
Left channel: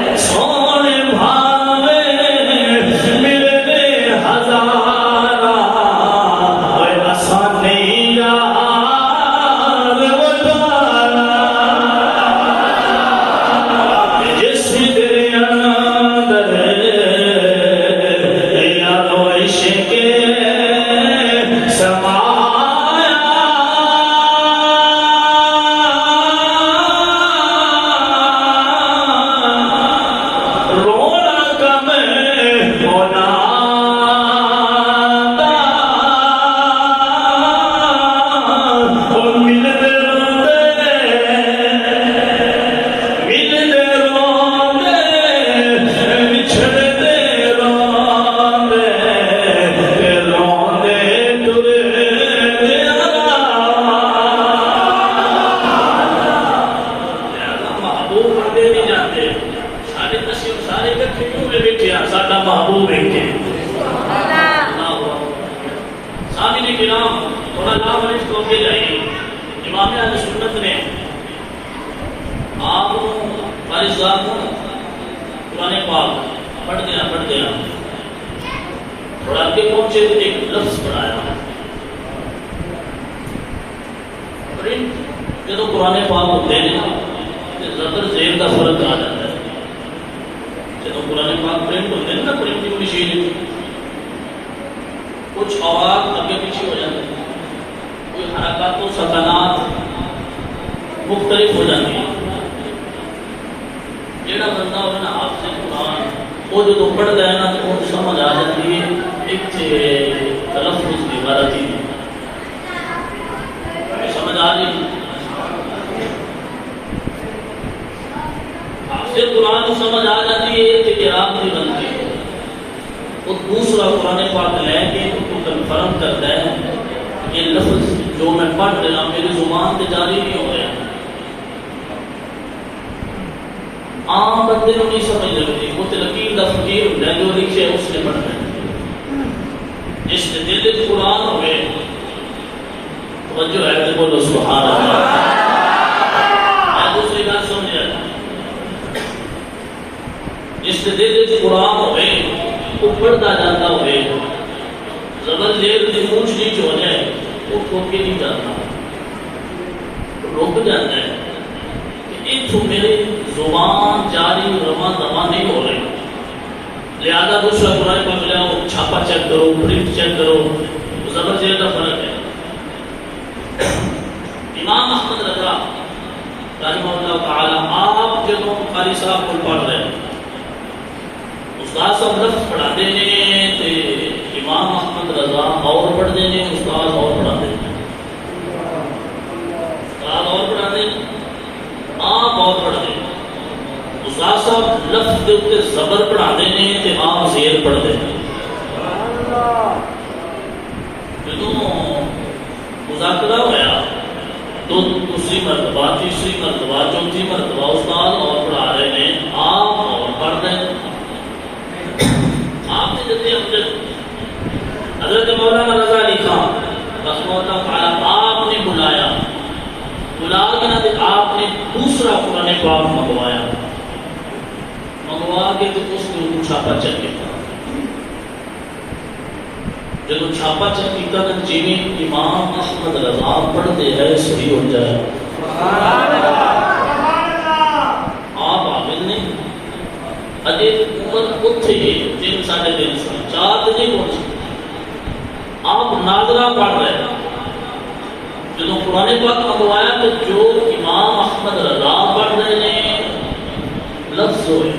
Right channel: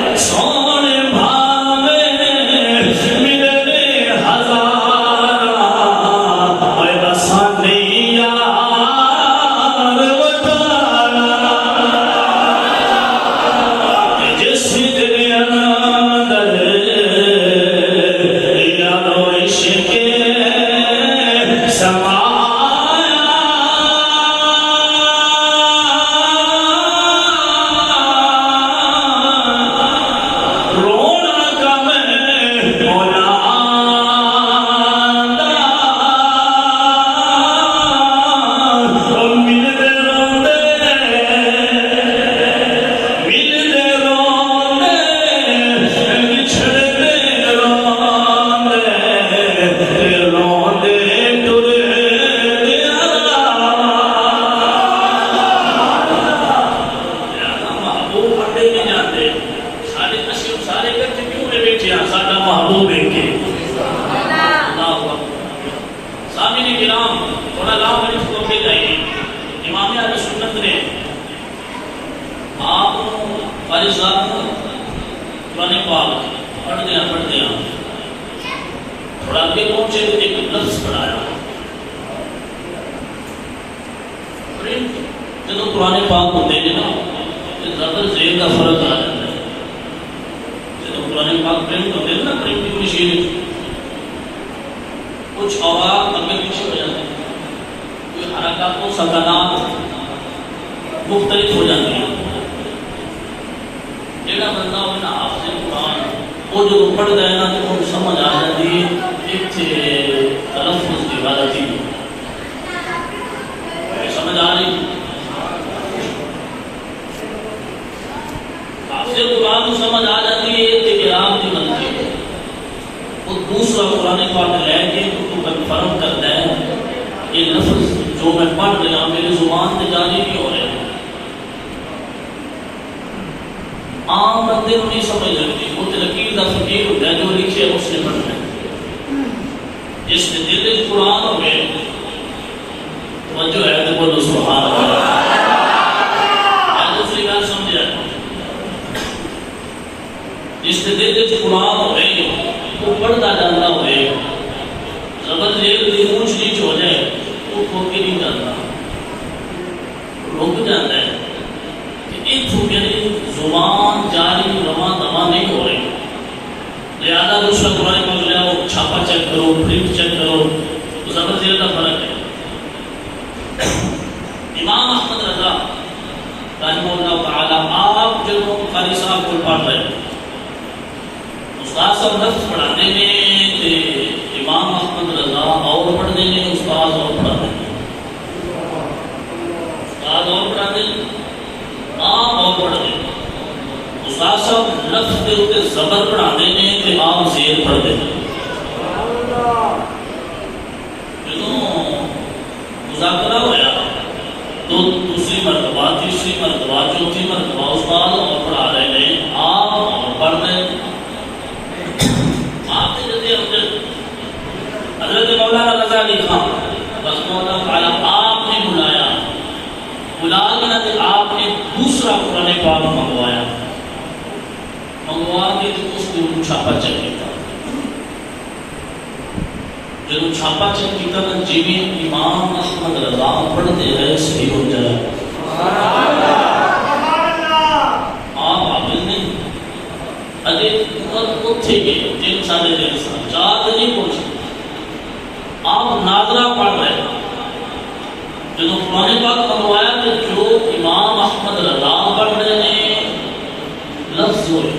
اور سونے بھاوے ملنے ہزارا ایسا نہیں یار بتانا جس دل اندر یارو عشق سمایا رونا کم ہونا اور ملتے روندے بچھڑتے روندے روندے ٹرے محبوب بندے نہیں جاتے سارے تشریف سارے بچے کیوں میں بیٹھے ہیں سارا محبوب بیٹھے سامعین کرام تھوڑا نام اس کو کے جائیے امام اہل سنت نے آپ فارغ صاحب قرآن پاک پڑھ دیا تھوڑا آگے پہنچے تو ایک لفظ پڑھایا جب قرآن پاک ہوتے ہیں نا زبر زیر کا فرق آ جاتا ہے جب قرآن پاک پرنٹ ہوتے ہیں نا پرنٹنگ مشین کچھ آواز اگے پیچھے ہو جاتی ہے کوئی حرکات و سکنات مختلف ہو جاتی ہے جیڑا بندہ ہوئے نا حافظ قرآن وہ جو پڑھ گیا نا تو وہ سمجھ آ جاتی ہے ایک تلفظ کی غلطی سمجھ آ رہی حافظ قرآن کو سمجھ آ جاتی ہے اعراب کی غلطی وہ دوسرا قرآن پاک لے کے تو کنفرم کرتا ہے یہ لفظ جو میں پڑھ رہا میری زبان سے جاری نہیں ہو رہا عام بندے کو نہیں سمجھ لگتی وہ تلقین کا فقیر ہوتا ہے جو لکھے اس نے پڑھنا ہے جس نے دل قرآن ہو گئے توجہ ہے تو بولو سبحان اللہ دوسری بات سمجھے جس نے دل قرآن ہو گئے وہ پڑھتا جاتا ہو گئے زبر زیر کی اونچ نیچ ہو جائے وہ کھو کے نہیں جاتا رک جاتا ہے کہ میری زبان جاری رواں دواں نہیں ہو رہی لہذا دوسرا قرآن پاک لے آؤ چھاپا چیک کرو پرنٹ چیک کرو زبر زیر کا فرق ہے امام احمد رضا رحمہ اللہ تعالی آپ جب قاری صاحب کو پڑھ رہے استاد صاحب لفظ پڑھاتے ہیں تے امام احمد رضا اور پڑھ دینے استاد اور پڑھا دینے استاد اور پڑھا دینے آپ اور پڑھ دینے استاد صاحب لفظ دے اتے زبر پڑھا دینے تے آپ زیر پڑھ دینے جنہوں مذاکرہ ہوا تو دوسری مرتبہ تیسری مرتبہ چوتھی مرتبہ استاد اور پڑھا رہے ہیں آپ اور پڑھ رہے ہیں آپ نے جیسے حضرت مولانا رضا علی خان بس مولانا تعالیٰ آپ نے بلایا بلا کے آپ نے دوسرا قرآن پاک منگوایا منگوا کے اس کو چھاپا چیک کیا جب چھاپا چیک کیا نا جی امام احمد رضا پڑھتے ہیں صحیح ہو جائے. آپ عامل نہیں اجے اتھے گئے جن سارے دن چار دن نہیں پہنچے. آپ ناظرہ پڑھ رہے ہیں جب قرآن پاک منگوایا تو جو امام احمد رضا پڑھ رہے ہیں لفظ ہوئے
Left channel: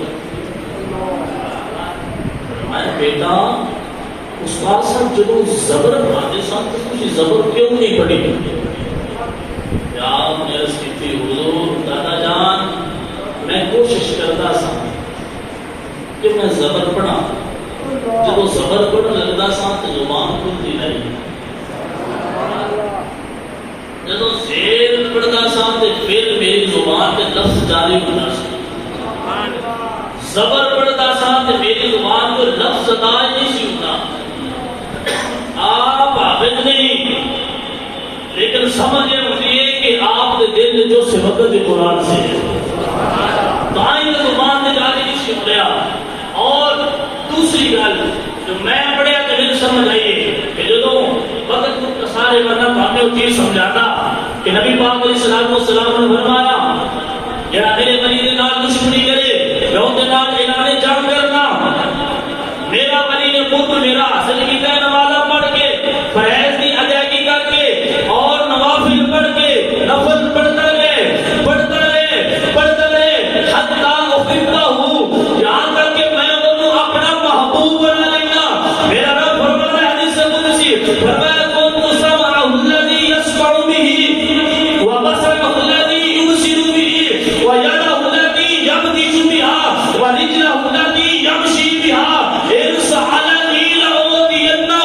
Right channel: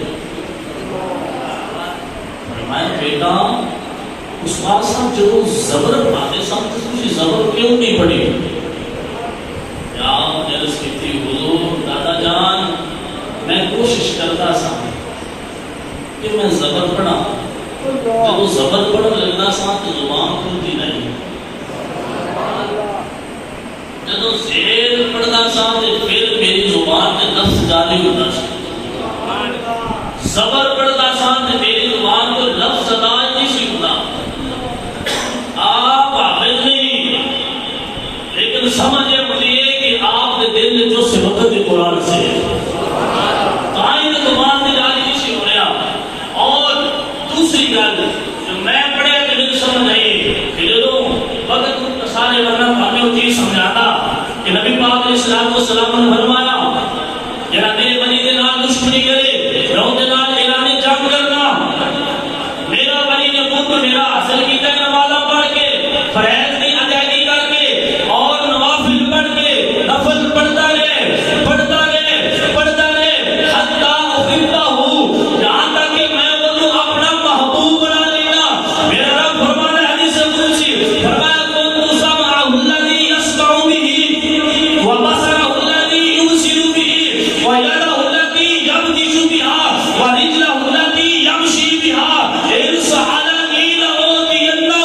میں بیٹا استاد صاحب جو زبر پڑھاتے صاحب تھی زبر کیوں نہیں پڑھی؟ یار جلس کی تھی حضور دادا جان میں کوشش کرتا سا کہ میں زبر پڑھا جب زبر پڑھ لگتا سا تو زبان کھلتی نہیں. جب زیر پڑھتا سا تو پھر میری زبان کے لفظ جاری ہوتا سا. زبر پڑھتا سا تو میری زبان کو لفظ جاری نہیں سی ہوتا. آپ عابد نہیں لیکن سمجھے مجھے کہ آپ کے دل میں جو سبقت قرآن سے تائیں زبان میں جاری نہیں سی ہو رہا. اور دوسری گل جو میں پڑھیا کہ مجھے سمجھ آئی کہ جو وقت کو سارے ورنہ ہمیں وہ چیز سمجھاتا کہ نبی پاک علیہ السلام نے فرمایا جنا میرے ولی دے نال دشمنی کرے میں ان کے نال اعلان جنگ کرنا. میرا ولی نے خود میرا حاصل کیتا ہے نمازہ پڑھ کے فرائض کی ادائیگی کر کے اور نوافل پڑھ کے نفل پڑھتا رہے پڑھتا رہے پڑھتا رہے حتی احبہ ہوں یہاں تک کہ میں وہ اپنا محبوب بنا لیا. میرا رب فرمانا حدیث قدسی فرمایا کن سمعہ الذی یسمع به وبصرہ الذی یبصر به ویدہ التي یبطش بها ورجلہ التي یمشی بها ان سألنی لأعطینہ.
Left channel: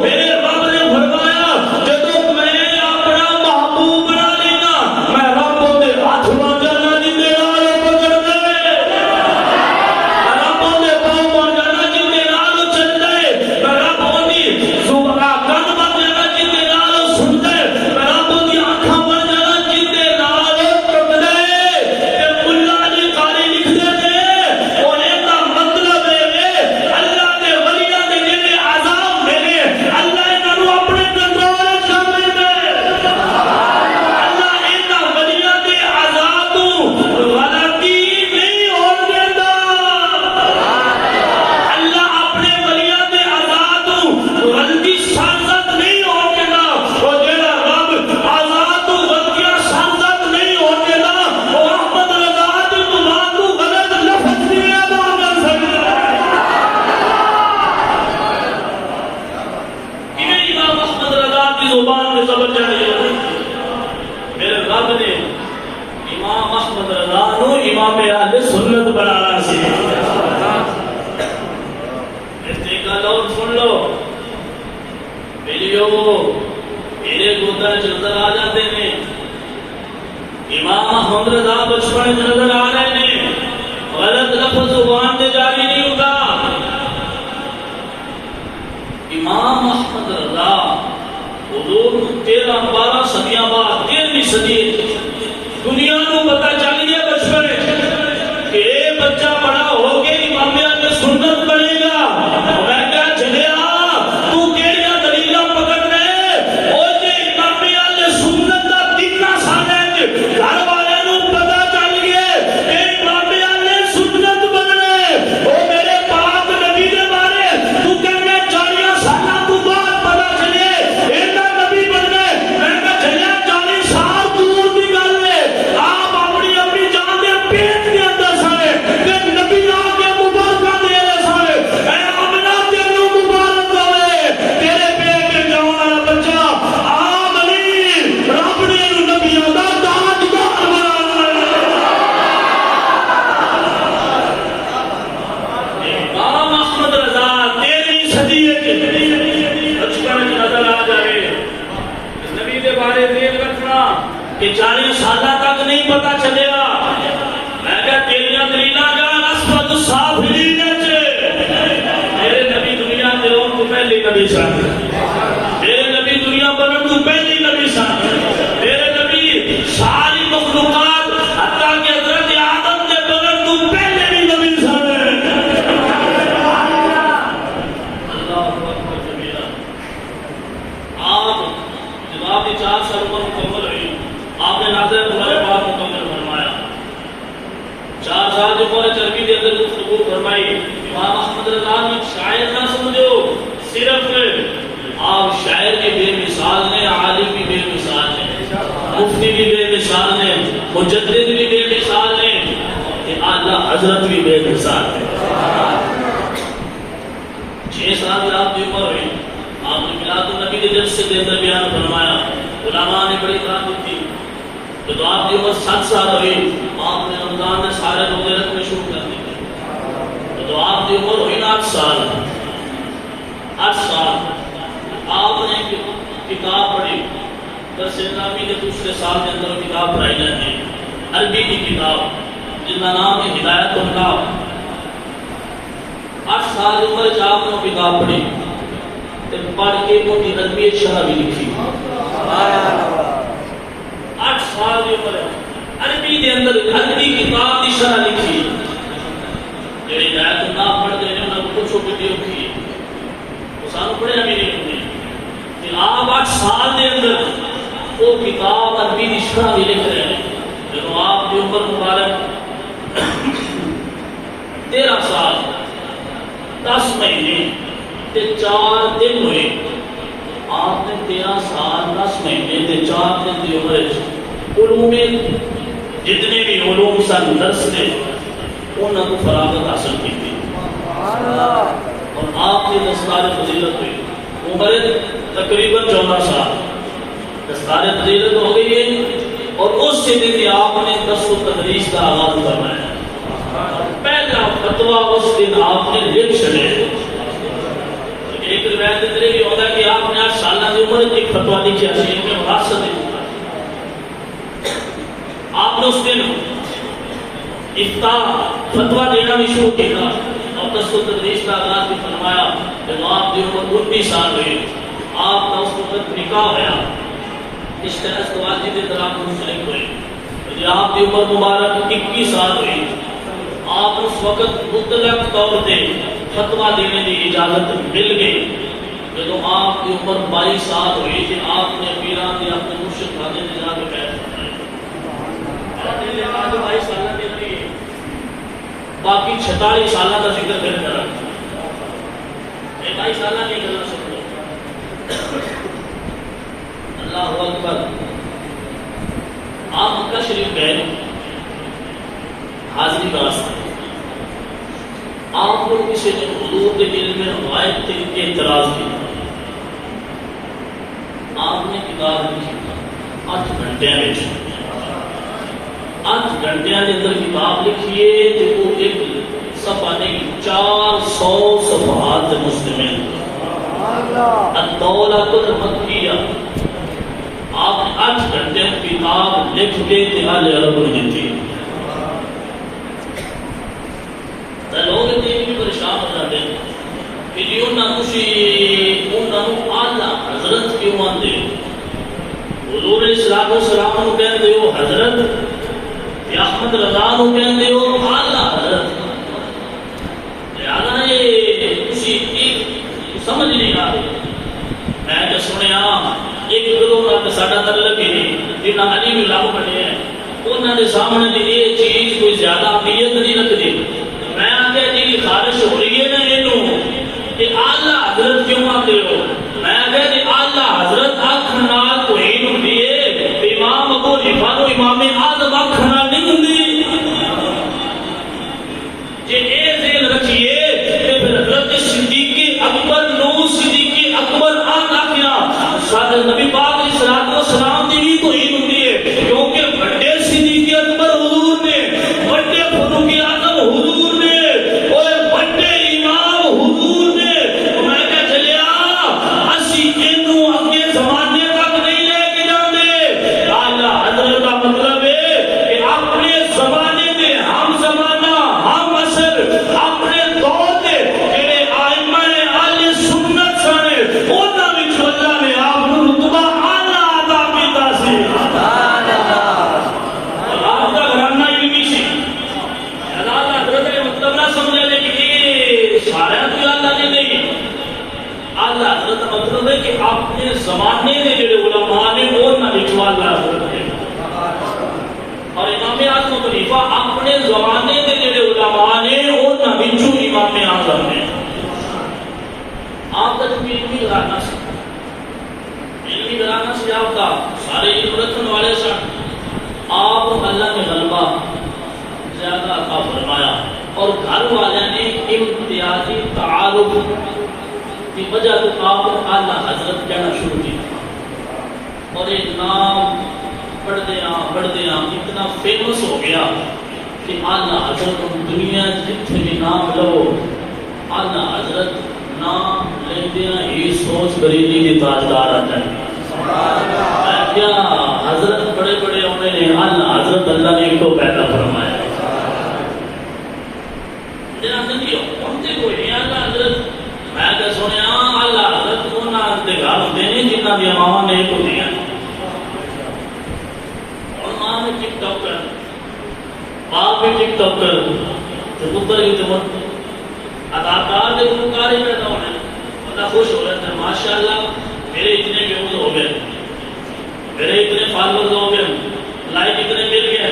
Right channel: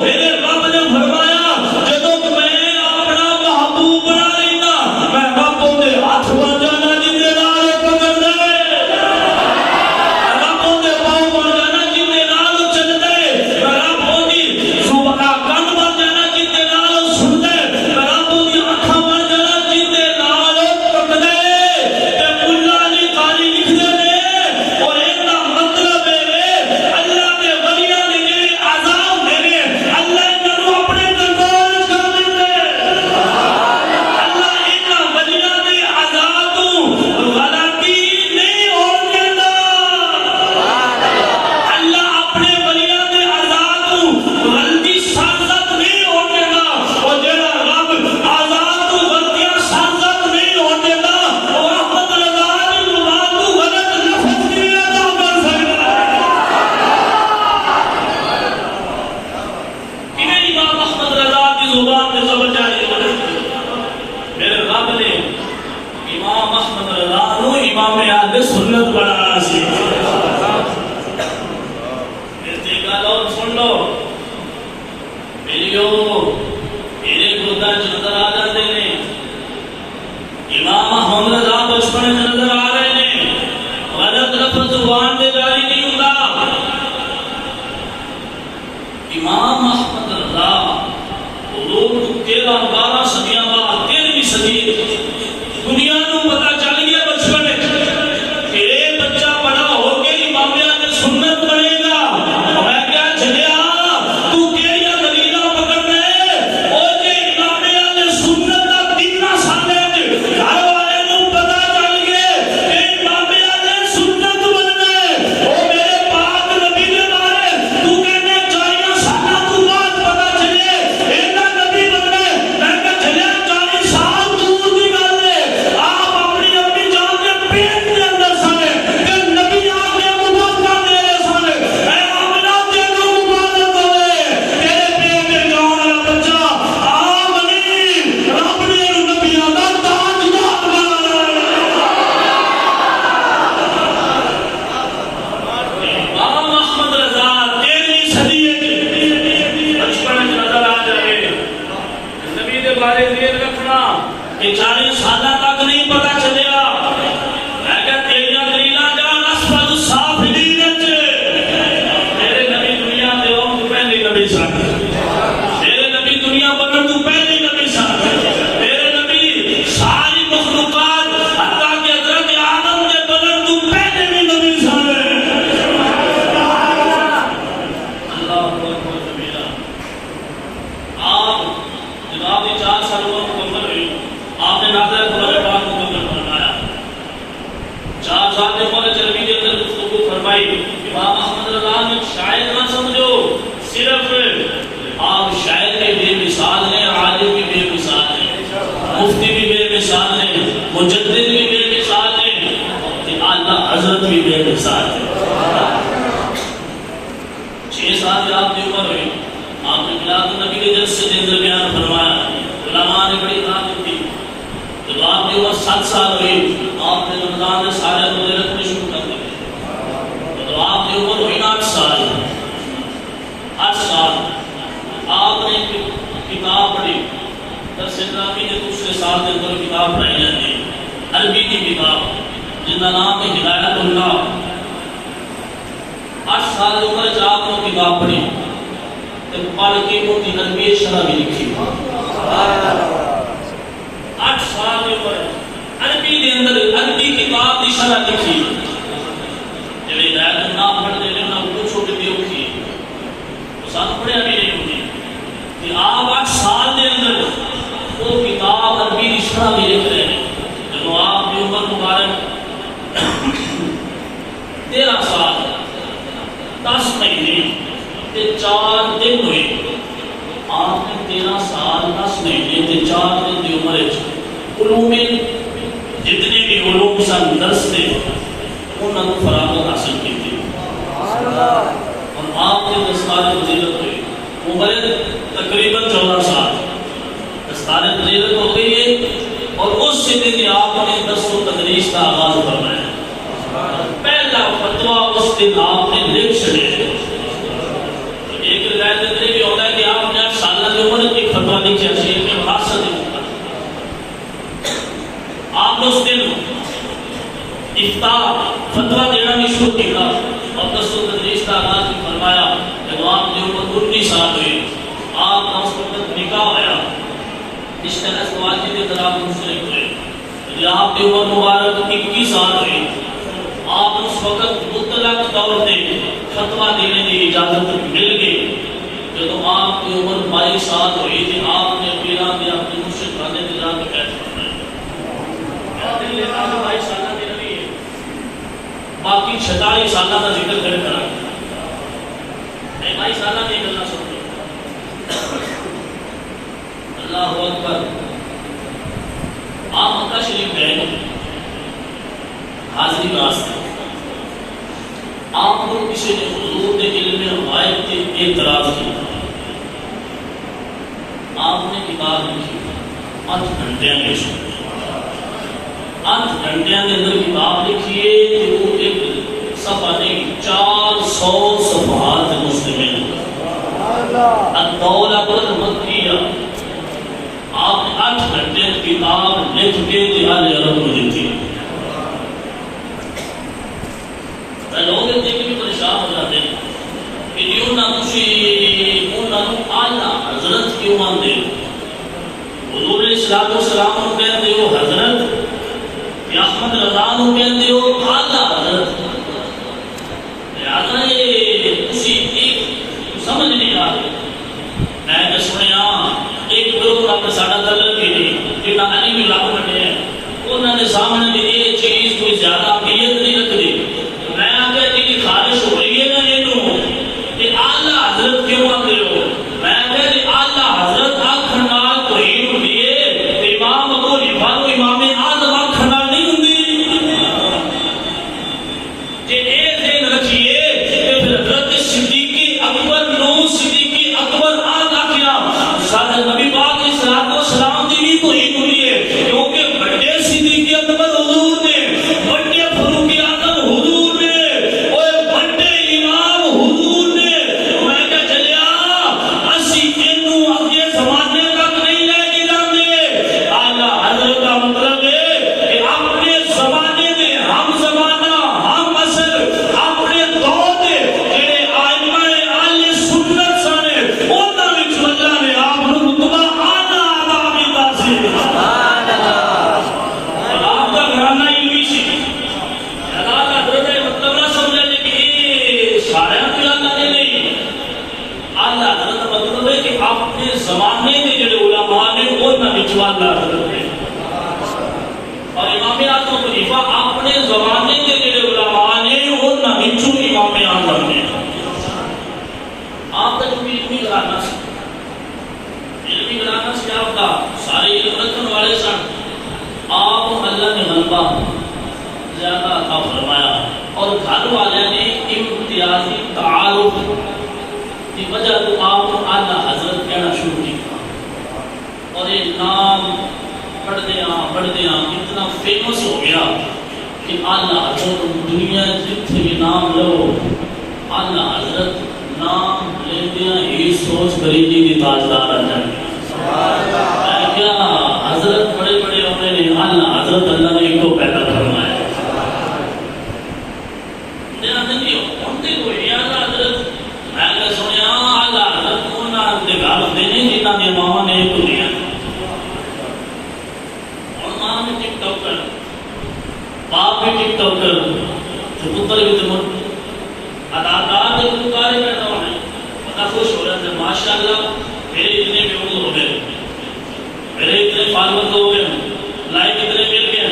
میرے رب نے فرمایا جب میں اپنا محبوب بنا لینا میں ربوں دے ہاتھ وا جانا جندے نال پکڑ دے ربوں دے پاؤں وا جانا جندے نال چل دے ربوں دی زبان کن بن جانا جندے نال سن دے ربوں دی آنکھاں بن جانا جندے نال ٹک دے. تے ملا دی قاری لکھ دے نے او اینا مطلب ہے اللہ دے ولیاں دے جڑے عذاب نے اللہ انہاں نوں اپنے کنٹرول وچ کر لیندا ہے. اللہ انہاں ولیاں دے عذاب تو غلطی نہیں ہون دیندا. اللہ اپنے ولیاں دے عذاب تو غلطی سرزد نہیں ہون دیندا. او جڑا رب عذاب تو غلطیاں سرزد نہیں ہون دیندا او احمد رضا دی زبان تو غلط لفظ نہیں ادا کر سکدا. کیویں امام احمد رضا کی زبان میں زبر جاری ہو رہی ہے. میرے رب نے امام احمد رضا نو امام اہل سنت بنانا سی. ایک گل اور سن لو میری میرے گودا چ نظر آ جاتے ہیں. امام احمد رضا بچپن چ نظر آ رہے ہیں. غلط لفظ زبان سے جاری نہیں ہوتا. امام احمد رضا حضور 13-12 صدیاں بعد 13ویں صدی دنیا کو پتہ چل گیا بچپن کہ یہ بچہ بڑا ہو کے امام اہل سنت بنے گا. میں کیا چلیا تو کیڑیاں دلیلاں پکڑ دے او جے امام اہل سنت دا دینہ سانے گھر والے نوں پتہ چل گیا کہ امام اہل سنت بن گئے. او میرے پاک نبی دے بارے تو کہنے 40 سالاں تو بعد پتہ چلے اینا نبی بن گئے. میں کہا چلیا 40 سال دور دی گل ہے. آپ اپنی اپنی جان دے پیٹ دے اندر سارے تے نبی آ کے مبارکہ دے رہے سارے. اے آمنہ تینوں مبارک ہوئے تیرے پیٹ دے جان والا بچہ آمین رب نے نبیوں دا تاجدار بنایا. امام احمد رضا 13ویں صدی بچپن چ نظر آ جائے. نبی دے بارے ذہن رکھنا کہ 40 سالہ تک نہیں پتہ چلیا. میں کہا تیریاں دلیلاں جان اسفل السافلین وچ. میرے نبی دنیا تے آن تو پہلے نبی سن. میرے نبی دنیا بنن تو پہلے نبی سن. میرے نبی ساری مخلوقات حتیٰ کہ حضرت آدم دے بنن تو پہلے بھی نبی سن. اللہ اکبر کبیرہ. آپ نے 4 سال عمر مکمل ہوئی، آپ نے نازلہ قرآن پاک مکمل فرمایا۔ 4 سال کی عمر چربی کے اندر گفتگو فرمائی۔ امام احمد رضا نے شاعر نہ سمجھو، صرف آپ شاعر بھی بے مثال ہیں، عالم بھی بے مثال ہیں، مفتی بھی بے مثال ہیں، مجدد بھی بے مثال ہیں، کہ اللہ حضرت بھی بے مثال ہے۔ 6 سال آپ کی عمر ہوئی، آپ نے میلاد النبی کے جلسے کے اندر بیان فرمایا، علماء نے بڑی تعریف کی۔ تو آپ کی عمر 7 سال ہوئی، آپ نے رمضان میں سارے روزے رکھنے شروع کر دیے۔ تو آپ کی عمر ہوئی 8 سال۔ 8 سال آپ نے کتاب پڑھی، درس نامی کے دوسرے سال کے اندر کتاب پڑھائی جاتی ہے، عربی کی کتاب جن کا نام ہے ہدایت اللہ۔ 8 سال کی عمر آپ نے کتاب پڑھی، پڑھ کے وہ عربی شرح بھی لکھی۔ 8 سال کی عمر عربی کے اندر عربی کتاب کی شرح لکھی۔ جب ہدایت اللہ پڑھ دے رہے ہیں کچھ چھوٹے دے رکھی تو سانو پڑھے بھی نہیں ہونے کہ آپ 8 سال کے اندر وہ کتاب عربی کی شرح بھی لکھ رہے ہیں۔ جب آپ کی عمر مبارک 13 سال 10 مہینے 4 دن ہوئے، آپ نے 13 سال 10 مہینے 4 دن کی عمر علوم جتنے بھی علوم سن درس نے انہوں نے فراغت حاصل کی تھی، اور آپ نے دستار فضیلت ہوئی۔ عمر تقریباً 14 سال دستار فضیلت ہو گئی ہے، اور اس سے دن آپ نے درس و تدریس کا آغاز فرمایا۔ پہلا فتویٰ اس دن آپ نے لکھ چھڑے۔ ایک روایت اندر بھی ہوتا ہے کہ آپ نے 8 سال کی عمر ایک فتویٰ لکھا ہے میں مقاصد نہیں ہوتا۔ آپ نے اس دن افتاء فتویٰ دینا بھی شروع کیا اور درس و تدریس کا آغاز بھی فرمایا۔ جب آپ کی عمر 19 سال ہوئی، آپ کا اس وقت نکاح ہوا، اس طرح سے والد کی طرف منسلک ہوئے۔ جب آپ کی عمر مبارک 21 سال ہوئی، آپ اس وقت مطلق طور پہ فتویٰ دینے کی اجازت مل گئی۔ جب آپ کی عمر 22 سال ہوئی تھی، آپ نے پیران دے اپنے مرشد خانے دے جا کے بیعت فرمائی۔ میرا دل لیتا جو 22 سالہ دے رہی ہے، باقی 46 سالہ کا ذکر پھر کرا۔ 22 سالہ نہیں کرنا سکتے۔ اللہ اکبر۔ آپ مکہ شریف گئے حاضری واسطے، آپ کو کسی نے حضور کے دل میں روایت کے اعتراض کیا، آپ نے کتاب لکھی 8 گھنٹے میں 8 گھنٹے کے اندر کتاب لکھی ہے، تو وہ ایک صفحہ نہیں 400 صفحات مشتمل الدولہ المکیہ۔ آپ نے 8 گھنٹے کتاب لکھ کے اہل عرب کو دی تھی۔ لوگ دیکھ بھی پریشان ہو جاتے ہیں کہ جی انہوں اعلیٰ حضرت کیوں آتے؟ حضور علیہ السلام کو کہتے ہو حضرت، یا احمد رضا کو کہتے ہو اعلیٰ حضرت۔ لہذا یہ اسی ایک سمجھ نہیں آ رہی۔ میں نے سنیا ایک گروہ کا ساڈا تعلق ہی نہیں، جنہاں علی بھی لب کٹے ہیں، انہوں نے سامنے دی یہ چیز کوئی زیادہ اہمیت نہیں رکھتی۔ میں آگے جی خارش ہو رہی ہے نا یہ کہ اعلیٰ حضرت کیوں آتے ہو؟ میں آگے جی اعلیٰ حضرت آکھنا تو ہی ہوں دیئے، امام ابو حنیفہ و امام اعظم آکھنا نہیں ہوں دیئے۔ جی اے ذہن رکھیے کہ حضرت صدیق اکبر نو صدیق اکبر آنا کیا سادہ نبی پاک علیہ السلام دی تو ہی ہوں دیئے، کیونکہ بڑے صدیق اکبر حضور نے، بڑے فاروق اعظم حضور نے، آلہ حضرت نے. اور امام اعظم خلیفہ اپنے زمانے کے جڑے علماء نے انہاں وچوں امام اعظم نے. آپ کا جو علمی گھرانہ سی، علمی گھرانہ سے آپ کا سارے علم رکھنے والے سن. آپ اللہ نے غلبہ زیادہ عطا فرمایا اور گھر والے نے امتیازی تعارف کی وجہ سے آپ کو اعلیٰ حضرت کہنا شروع کیا. اور یہ نام بڑھتے اتنا فیمس ہو گیا کہ اعلیٰ حضرت دنیا جتنے بھی نام لو اعلیٰ حضرت نام لیندیاں ہی سوچ بریلی کی تاجدار آ جائیں گے. کیا حضرت بڑے بڑے ہونے نے اعلیٰ حضرت اللہ نے ایک تو پیدا فرمایا. میں کہ سنیا اعلیٰ حضرت انہاں دے گھر ہوندے نے جنہاں دی ماواں نے کو دیا. اور ماں بھی ٹک ٹاک کر، باپ بھی ٹک ٹاک کر، تو پتر بھی تو اداکار دے پکارے بیٹھا ہونے بندہ خوش ہو رہا ہے. ماشاءاللہ میرے اتنے ویوز ہو گئے، میرے اتنے فالوورز ہو گئے، لائک اتنے مل گئے،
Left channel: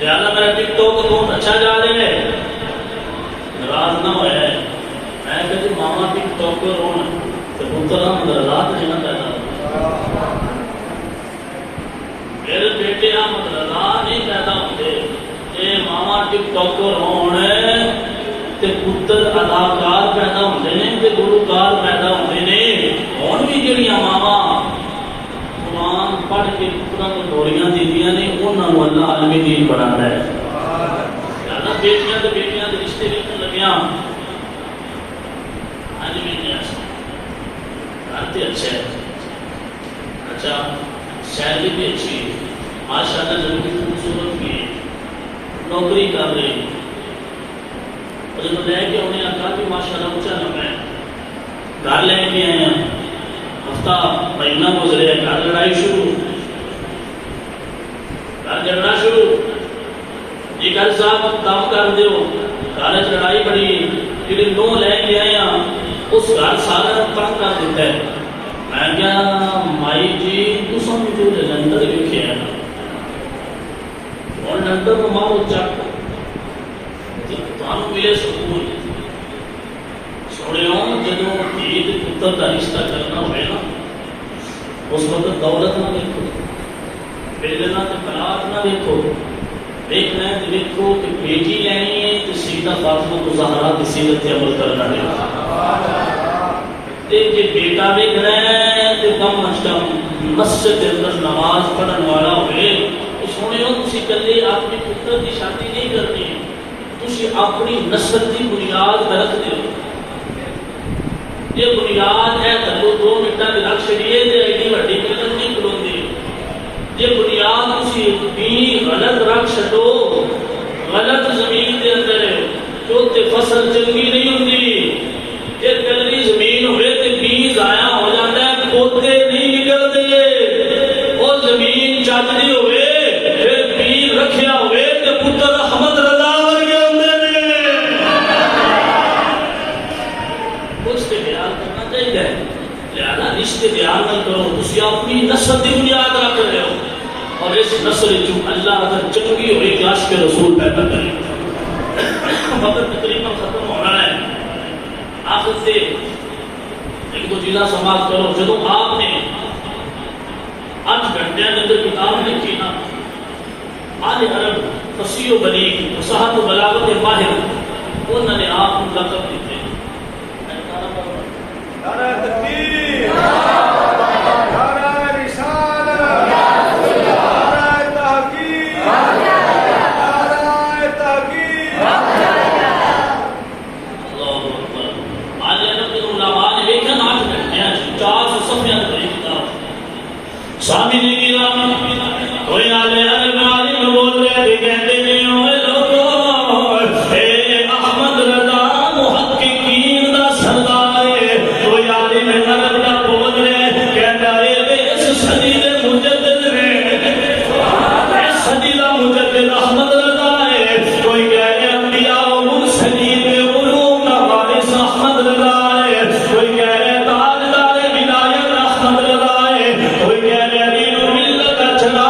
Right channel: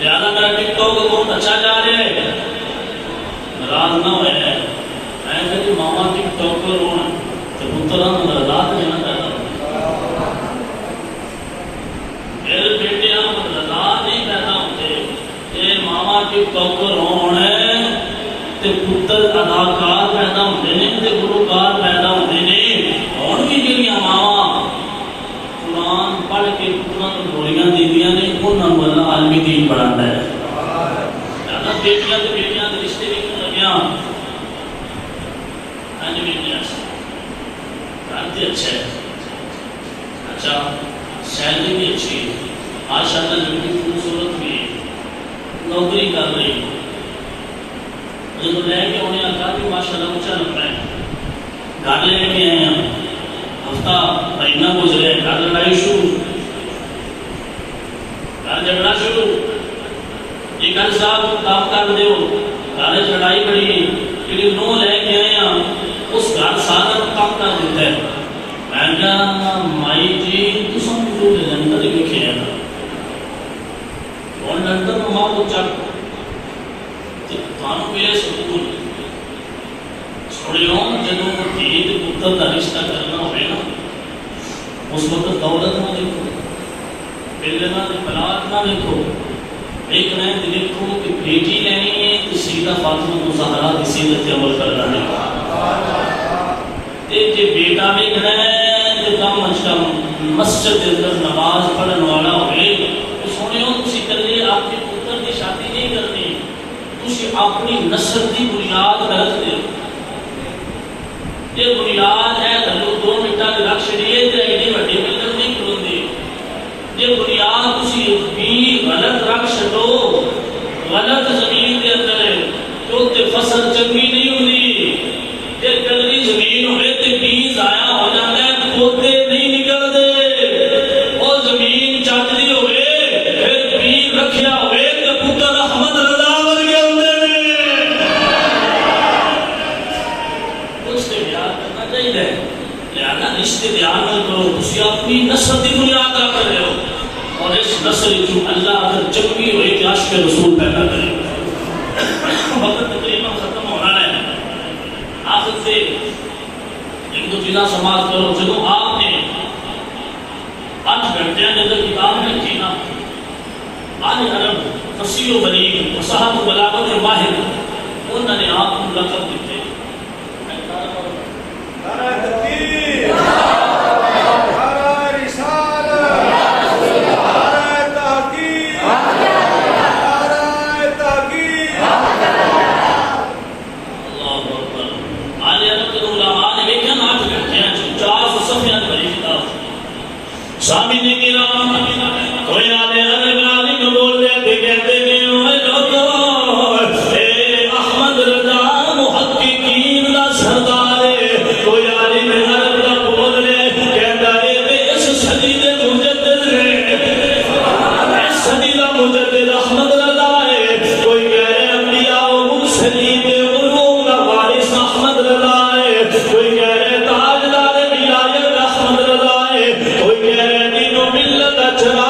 لہٰذا میرا ٹک ٹاک بہت اچھا جا رہے ہیں. ناراض نہ ہوئے. میں کہتی ماما ٹک ٹاکر ہوں تو پتران رات نہیں نہ پیدا. میرے بیٹے ہم رات نہیں پیدا ہوتے. یہ ماما ٹک ٹاکر ہونے تے پتر اداکار پیدا ہوتے ہیں تے گلوکار پیدا ہوتے ہیں. ہوں بھی جڑیاں ماواں قرآن پڑھ کے پتروں کو گولیاں دیندیاں نے انہوں نے اللہ عالمی دین بناتا ہے. بیٹیاں تو بیٹیاں کے رشتے لکھنے لگیاں اچھا ہے، اچھا سیلری بھی اچھی ہے، ماشاءاللہ لڑکی خوبصورت بھی ہے، نوکری کر رہی ہے. لے کے ہونے کا بھی ماشاءاللہ اونچا لگتا ہے. گھر لے کے آئے ہیں، ہفتہ مہینہ گزرے، گھر لڑائی شروع، گھر جھگڑا شروع. یہ گھر صاحب کام کر دیو، گھر لڑائی بڑی لیکن نو لے کے آئے ہیں اس گھر سارا کام کر دیتا ہے. میں کہا مائی جی تساں جو جلندر لکھے ہیں اور جلندر میں ماں کو چک تانوں ملے سکون. سنیو جدوں دھی تے پتر دا رشتہ کرنا ہوئے نا اس وقت دولت نہ دیکھو، بیلنا تے بلاد نہ دیکھو، دیکھنا ہے دیکھو کہ بیٹی لینی ہے تو سیدہ فاطمہ زہرا کی سیرت عمل کرنا ہے. جی بیٹا ویکھنا ہے تو کم از کم مسجد کے اندر نماز پڑھن والا ہوئے. سنیو تسی کلے اپنے پتر کی شادی نہیں کرنی، تسی اپنی نسل کی بنیاد رکھ دو. یہ بنیاد ہے تو 2 منٹاں رکھ چھڑیے تے ایڈی وڈی بلڈنگ نہیں کھلوندی. یہ بنیاد تسی بھی غلط رکھ چھڈو، غلط زمین دے اندر تو تے فصل چنگی نہیں ہوندی. جے پہلی زمین ہوئے تے بیج ضائع ہو جاتا ہے، پوتے نہیں نکلتے. وہ زمین چجدی ہوئے پھر بیج رکھیا ہوئے تے پتر احمد رضا ورگے ہوندے نے. اس تے بیان کرنا چاہیے. لہذا رشتے بیان نہ کرو، تسی اپنی نسل کی بنیاد رکھ رہے ہو اور اس نسل جو اللہ اگر چنگی ہوئی کہ عاشق رسول پیدا کرے. وقت تقریباً ختم ہو رہا ہے. آخر سے ایک دو چیزاں سماعت کرو. جدو آپ نے 8 گھنٹے کے اندر کتاب لکھی نا آل عرب فصیح و بلیغ فصاحت و بلاغت ماہر، انہوں نے آپ کو لقب دیتے. سامنے کی رام کوئی آلے عالم بول رہے تھے کہتے ہیں اوے لوگوں اے احمد رضا محققین دا سردار کوئی عالم عرب دا بول رہے کہتا ہے کہ اس صدی دے مجدد ہے، اس صدی دا مجدد احمد رضا ہے. کوئی کہہ رہے انبیاء و مرسلین دے علوم دا وارث احمد رضا ہے، کوئی کہہ رہے تاجدار ولایت احمد رضا ہے، کوئی کہہ رہے دین و ملت کا چراغ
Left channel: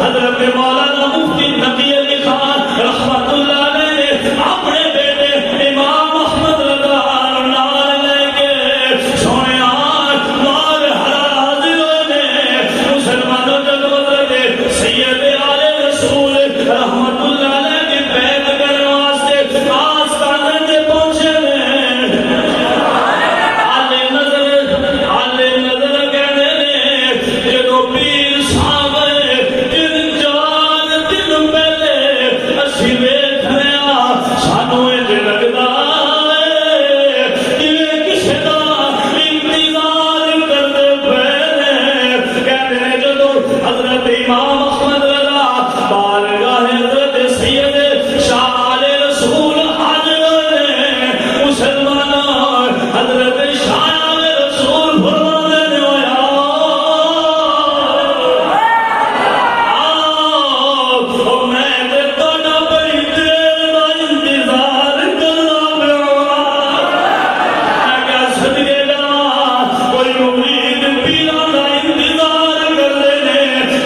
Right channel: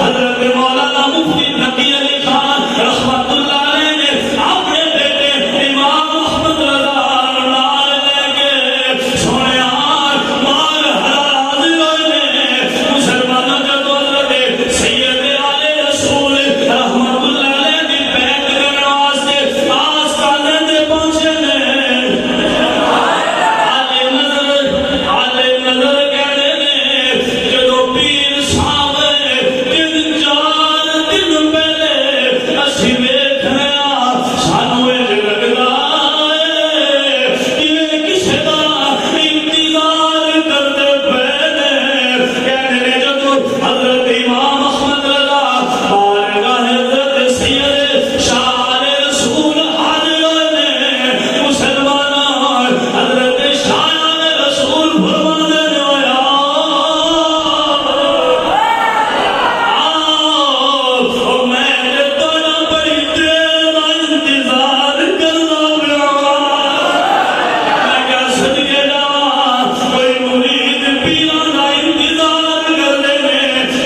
حضرت مولانا مفتی نقی علی خان رحمت اللہ علیہ نے اپنے بیٹے امام محمد رضا نال لے کے سونے مال حراز نے مسلمانوں جو حضرت سید علی رسول رحمت اللہ علیہ کی بیعت کرنے واسطے آستانے تے پہنچے نے آلے نظر کہنے نے جدو پیر صاحب دن چار دن پہلے اسی ویکھ رہا سانو یہ لگدا ہے جویں کسے دا انتظار کردے پئے نے کہنے نے جدو حضرت امام احمد رضا بارگاہ حضرت سید شاہ علی رسول حاضر نے مسلمانوں حضرت شاہ علی رسول فرمانے نے میں تھوڑا بڑی دیر دا انتظار کرنا پیا صدقے جاواں کوئی مرید پیراں دا انتظار کردے نے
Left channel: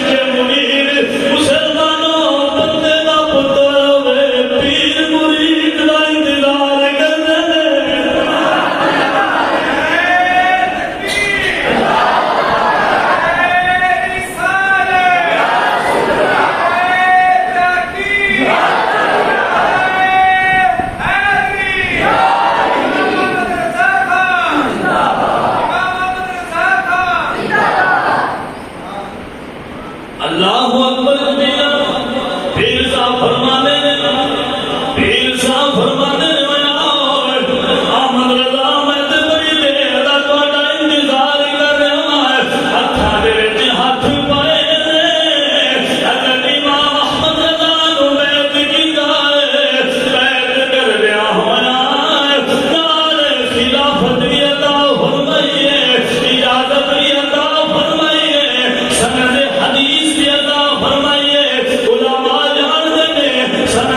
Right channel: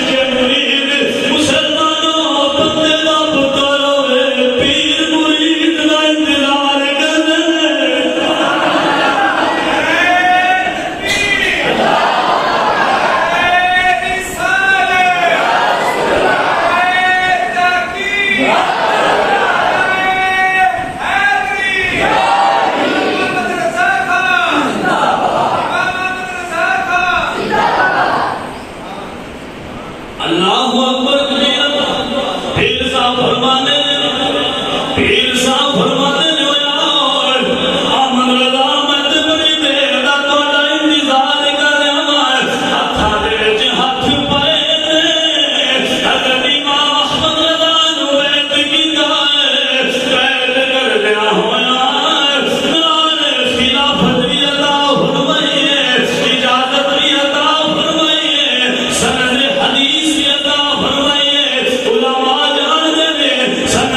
کہ مرید مسلمانوں بندے دا پتر ہوے پیر مرید دا انتظار کردے نے اللہ اکبر پیر صاحب فرماتے احمد رضا میں تے بڑی دیر دا تہاڈا انتظار کر رہا ہاں ہتھاں دے وچ ہتھ پائے نے حضرت امام احمد رضا نو بیعت کیتا ہے بیعت کردیاں ہویا نال خلافت دی عطا فرمائی ہے اجازت دی عطا فرمائی ہے سند حدیث دی عطا فرمائی ہے علماء جان دے نے سند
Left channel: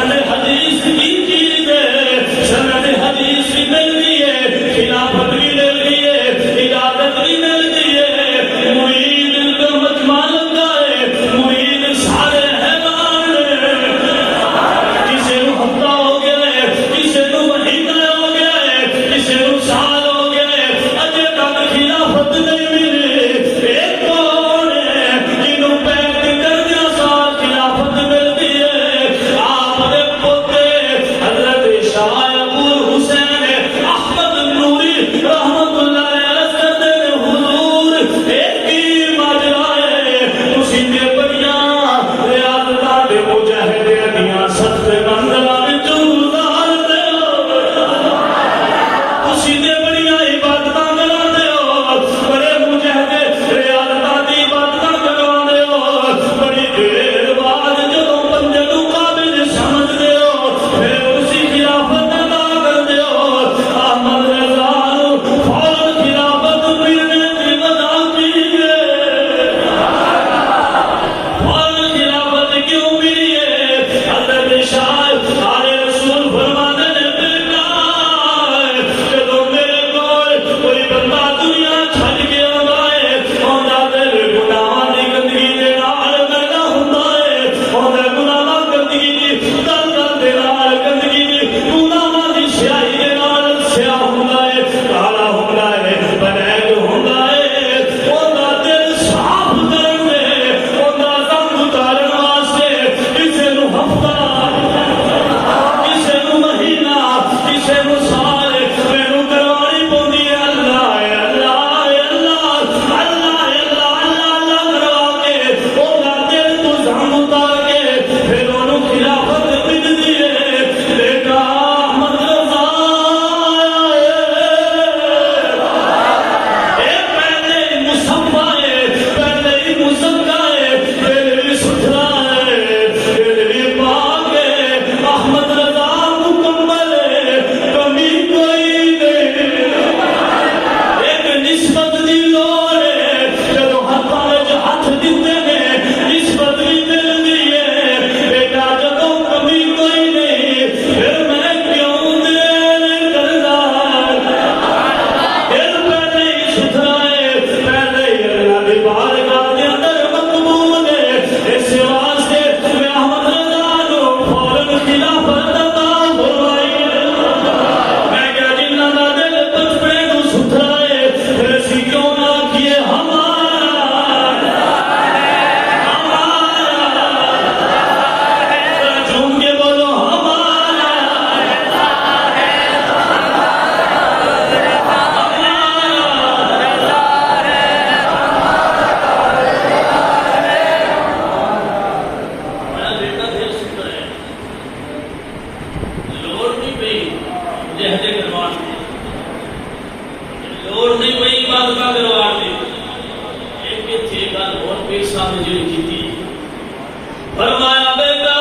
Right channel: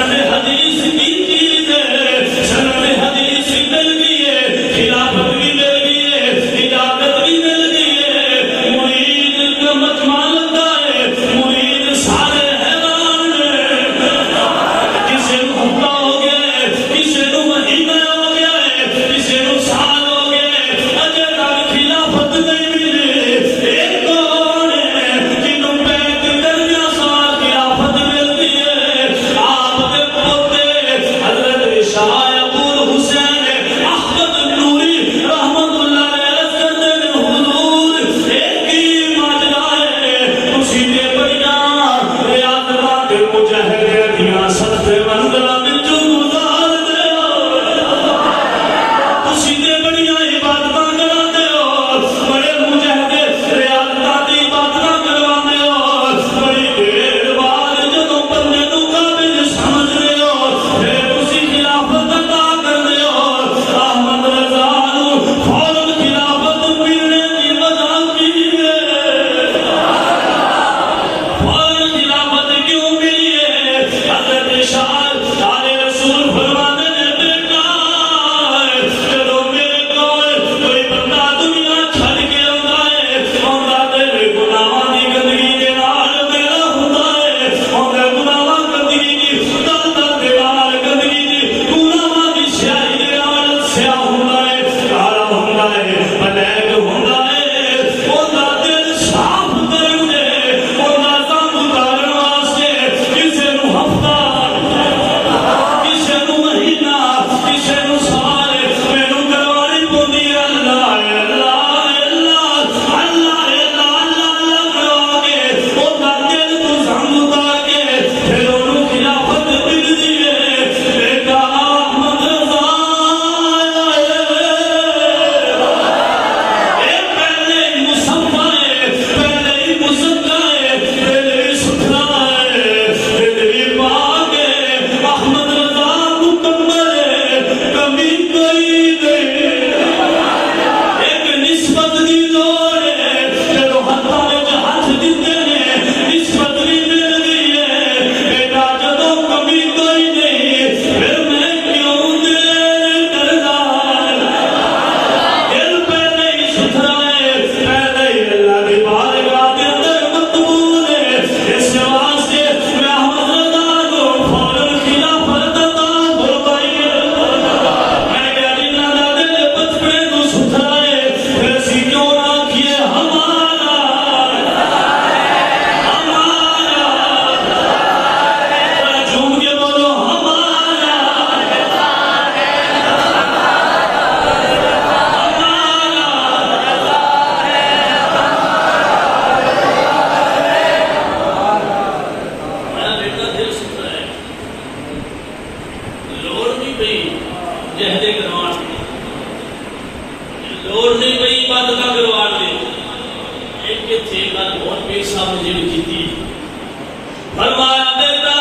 فرمایا بیٹا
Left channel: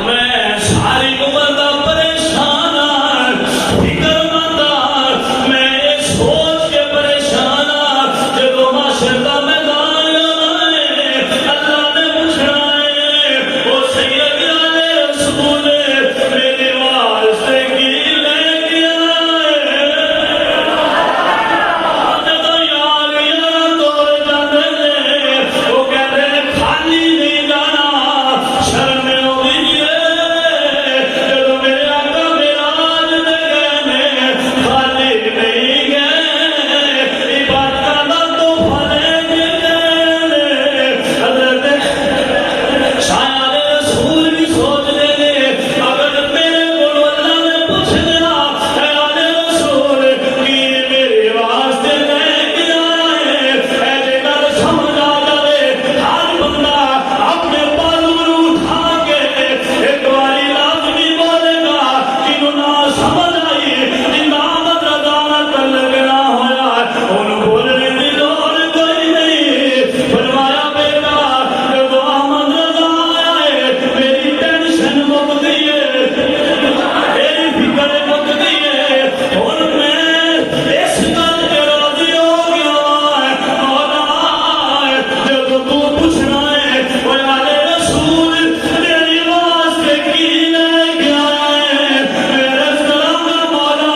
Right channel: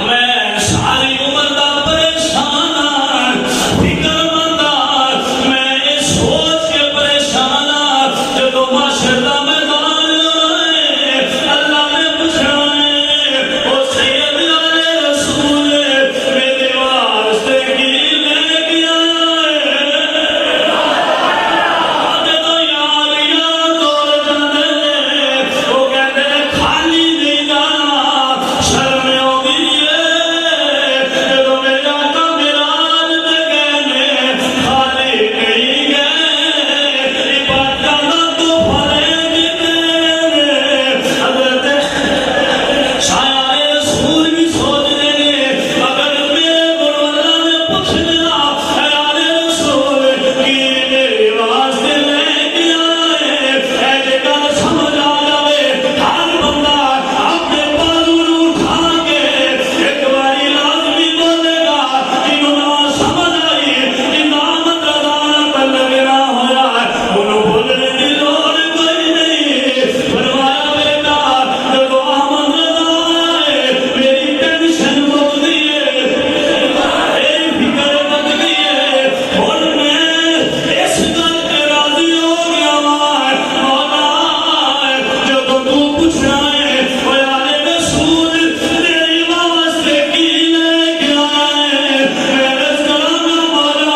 میں ساری عمر دا پریشان ہاں، فکر مند ہاں، میں سوچ کے پریشان ہاں جدو معاشر دا میدان ہے اللہ نے پوچھنا ہے او سید آل رسول میرے واسطے کی لے کے آئے جدو یار یار دور جانے وہ کہتے خالی نہیں جانا شرم آتی ہے جدو میرے آقا معراج تے گئے نے خالی نہیں گئے عبادتاں دا تحفہ لے کے گئے حضرت شاعر رسول بھی سوچ رہے نے اگر میرے کو اللہ نے پوچھ لیا اے آل رسول کی میرے واسطے لے کے آئے ایسے گل سمجھ آ جائے ہر بندہ اپنے بازو نو اٹھا کے ایک باری لازمی بولے گا جنہوں نہ سمجھ آئی امام رضا کا لگنا ہوا انہوں بولنے کی لوڑ کوئی نہیں فرمایا بیٹا جدو احمد رضا آئے میری ٹینشن مک گئی ہے میری فکر مک گئی ہے اور میں اس گل تے راضی ہو گیا مولا جدو تو پوچھنا ہے اے آل رسول تیری واسطے کی لے کے آئے میرے سلام مولا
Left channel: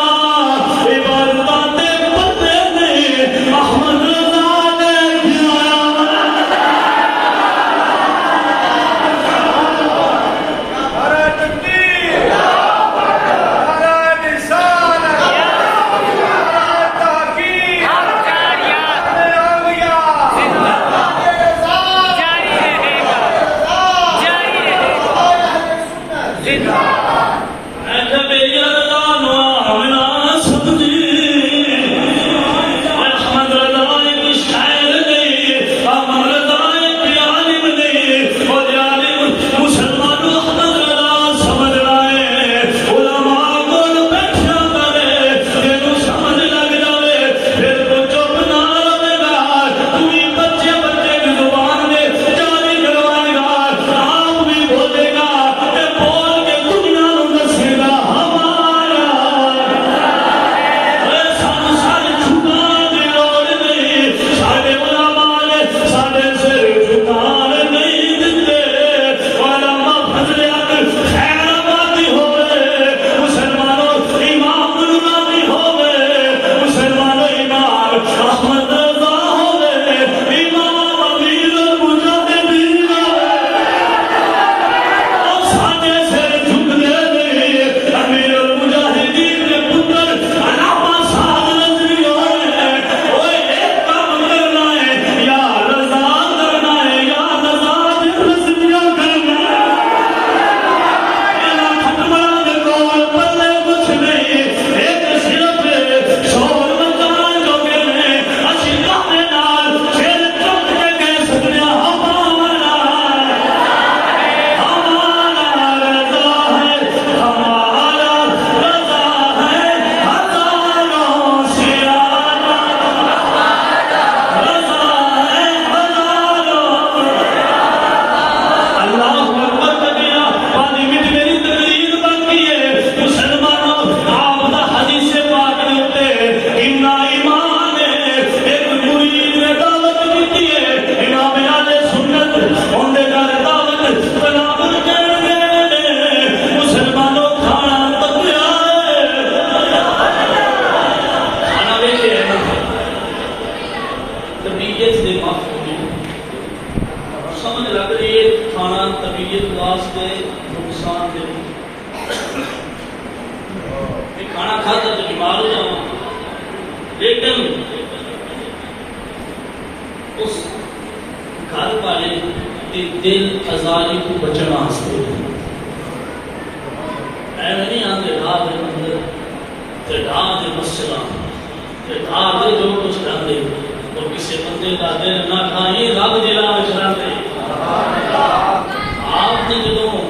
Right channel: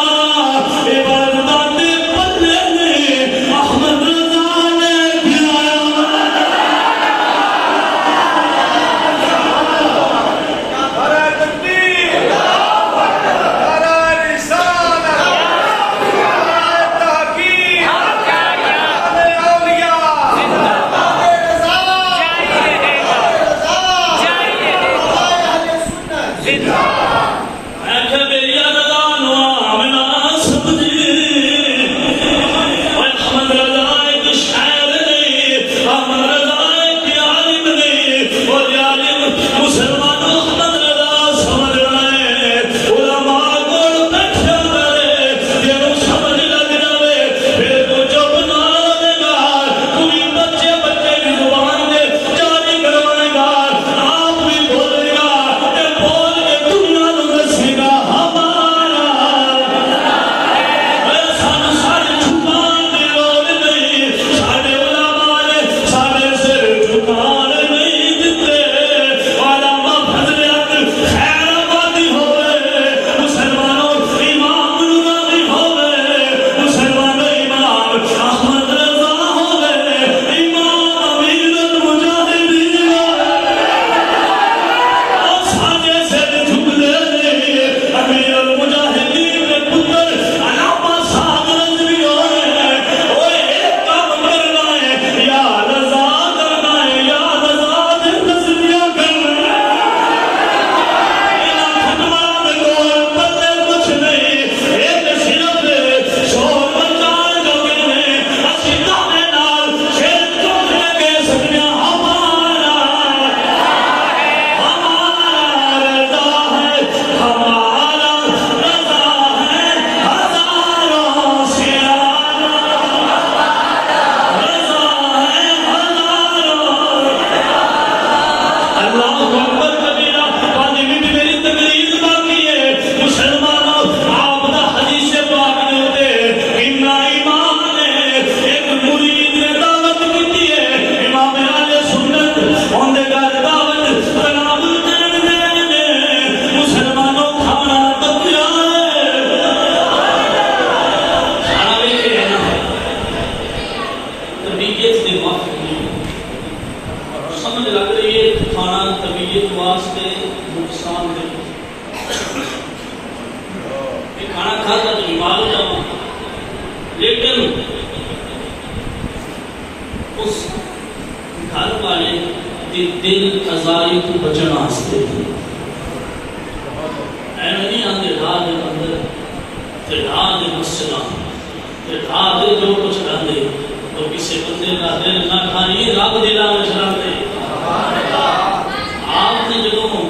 عبادتاں تے بندے نہیں احمد رضا لے کے لیکن اس گھر والے دل ازاری کو بچنا واسطے ایویں نہیں آتے راہ دے اندر تے راہ دے مسئلہ تے راہ دے جو کچھ رہے تو کسی بندے کا دل نہ کھائیے رب دلا چلا دے آپ نے جدوں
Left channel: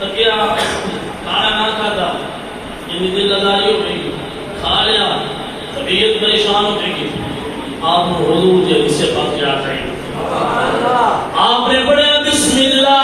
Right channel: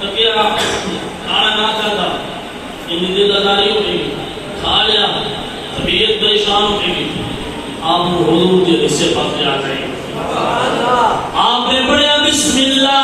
تکیا کھانا نہ کھاتا ان دل ازاری ہو گئی کھا لیا طبیعت پریشان ہو گئی آپ حضور کے حصے پاک آ گئے آپ نے پڑھا بسم اللہ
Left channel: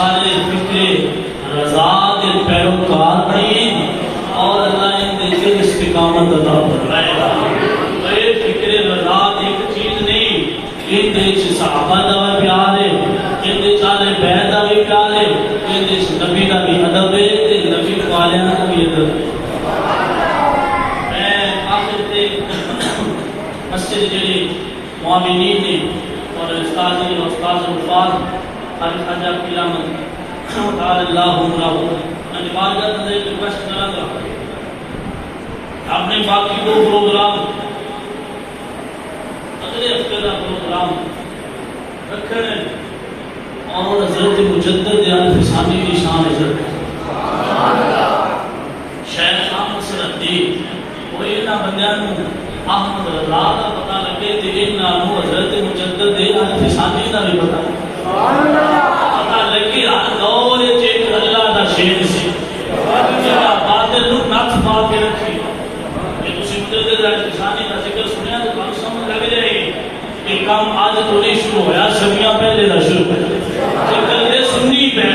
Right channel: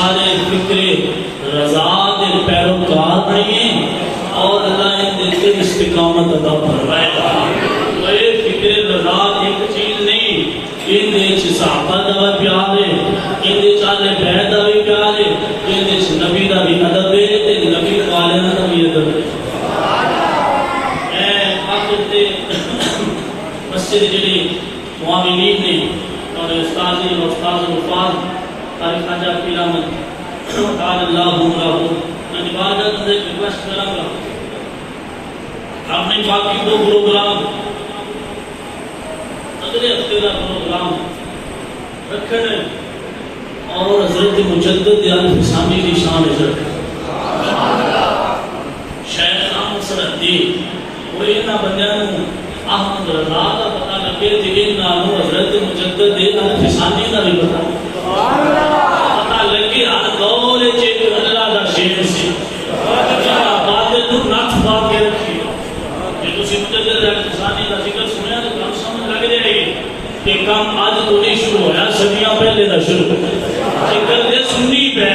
سارے فکر رضا کے پیروکار بنیں اور اللہ ان دل کے استقامت عطا فرمائے. تو اے فکر رضا ایک چیز نہیں، ان دے صحابہ دا پیار ہے، ان دے چاہے بیت دا بھی پیار ہے، ان دے نبی دا بھی ادب ہے تے نبی والیاں دا بھی ادب ہے. مسجد جڑے معاونین نے اور استاد نے استاد الفاظ طارق خواجہ قیامت قال اللہ عمرہ میں بارگاہ میں ریکویسٹ کروں گا آپ نے باقی دو پروگرام اگلے ہفتے کا پروگرام رکھنے اور حضرت مجدد الفسانی کی شان عزت شیخ احمد سرحدی وہ انہاں بندیاں نوں احمد رضا کا پتہ لگے کہ انہوں حضرت مجدد الفسانی کا بھی پتہ لگے ہر دور ایک اللہ کا شیر سی جہاں باطل کو نتھ پا کے رکھی. کہ تسی مجدد الفسانی کا ذکر سنیا تو تمہیں سمجھ لگ جائے گی کہ کام آج تو نہیں شروع ہوا، صدیاں پہلے کا شروع ذکر دے سنی پہ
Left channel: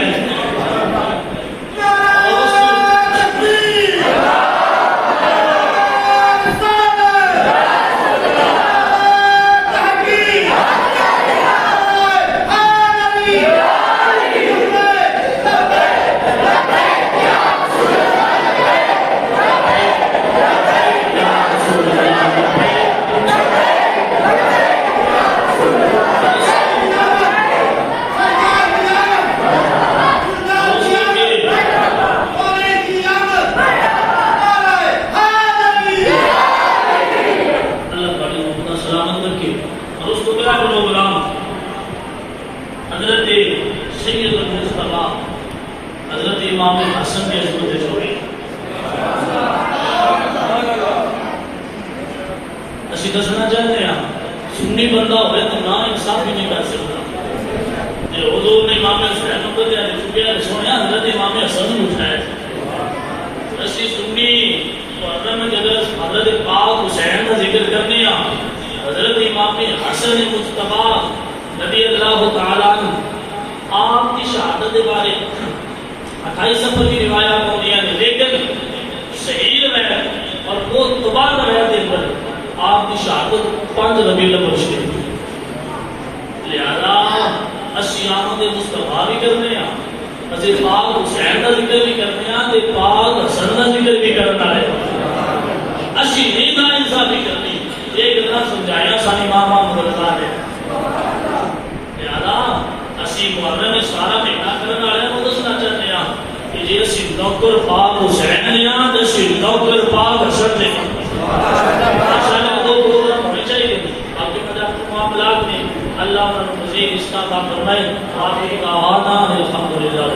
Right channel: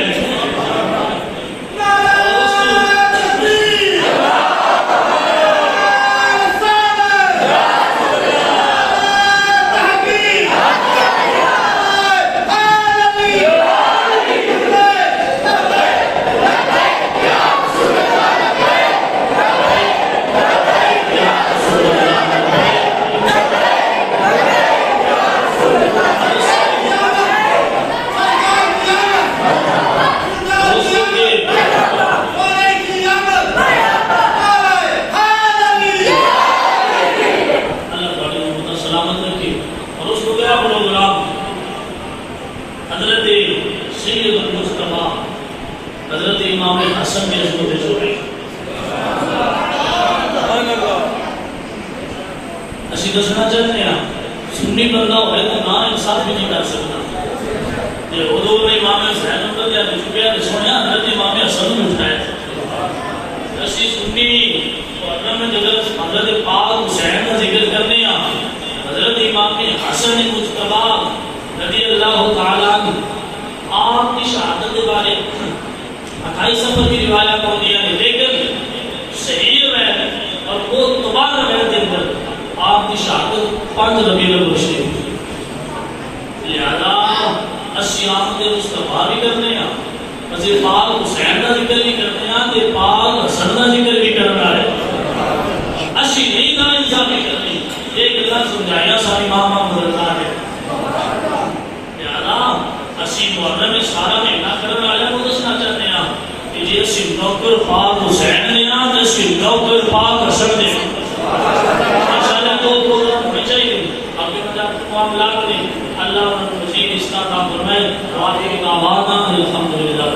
حضرت سید المصطفیٰ حضرت امام حسن کے حضرت شوری اسی دسنا چاہتے ہیں سنی بندہ ہوئے تو نا انصاف بھی نہیں کر سکتا. ادو نے امام حسین نمبر دیا چکیا سویا حضرت امام حسن نے اٹھایا. اسی سنی محرم میں جب حضرت پاک حسین کا ذکر کرنے حضرت امام حسن مصطفیٰ رضی اللہ تعالیٰ عنہ آپ کی شہادت کے بارے 28 سفر کی روایات ہوتی ہیں لیکن صحیح روایت اور وہ دوبارہ روایت کے اندر آپ کی شہادت 5 ربیع الاول شریف ہوئی. لہذا اسی آمد مصطفیٰ بھی کرنے ہیں، اسی پاک حسین کا ذکر بھی کرنے ہیں، تے پاک حسن کا ذکر بھی کرنا ہے. اسی نہیں نا انصافی کرنی ایک اللہ سمجھایا سا امام احمد رضا نے. اسی محرم میں سارا مہینہ کرنے والے کو دسنا چاہتے ہیں کہ جی اسی نوکر پاک حسین نے آج اسی نوکر پاک حسن نے ماشاءاللہ کو پروگرام ہونے چاہیے. آپ کے مدد معاملات میں اللہ مزید اس کا کام فرمائے. آپ کی دعوانا الحمدللہ.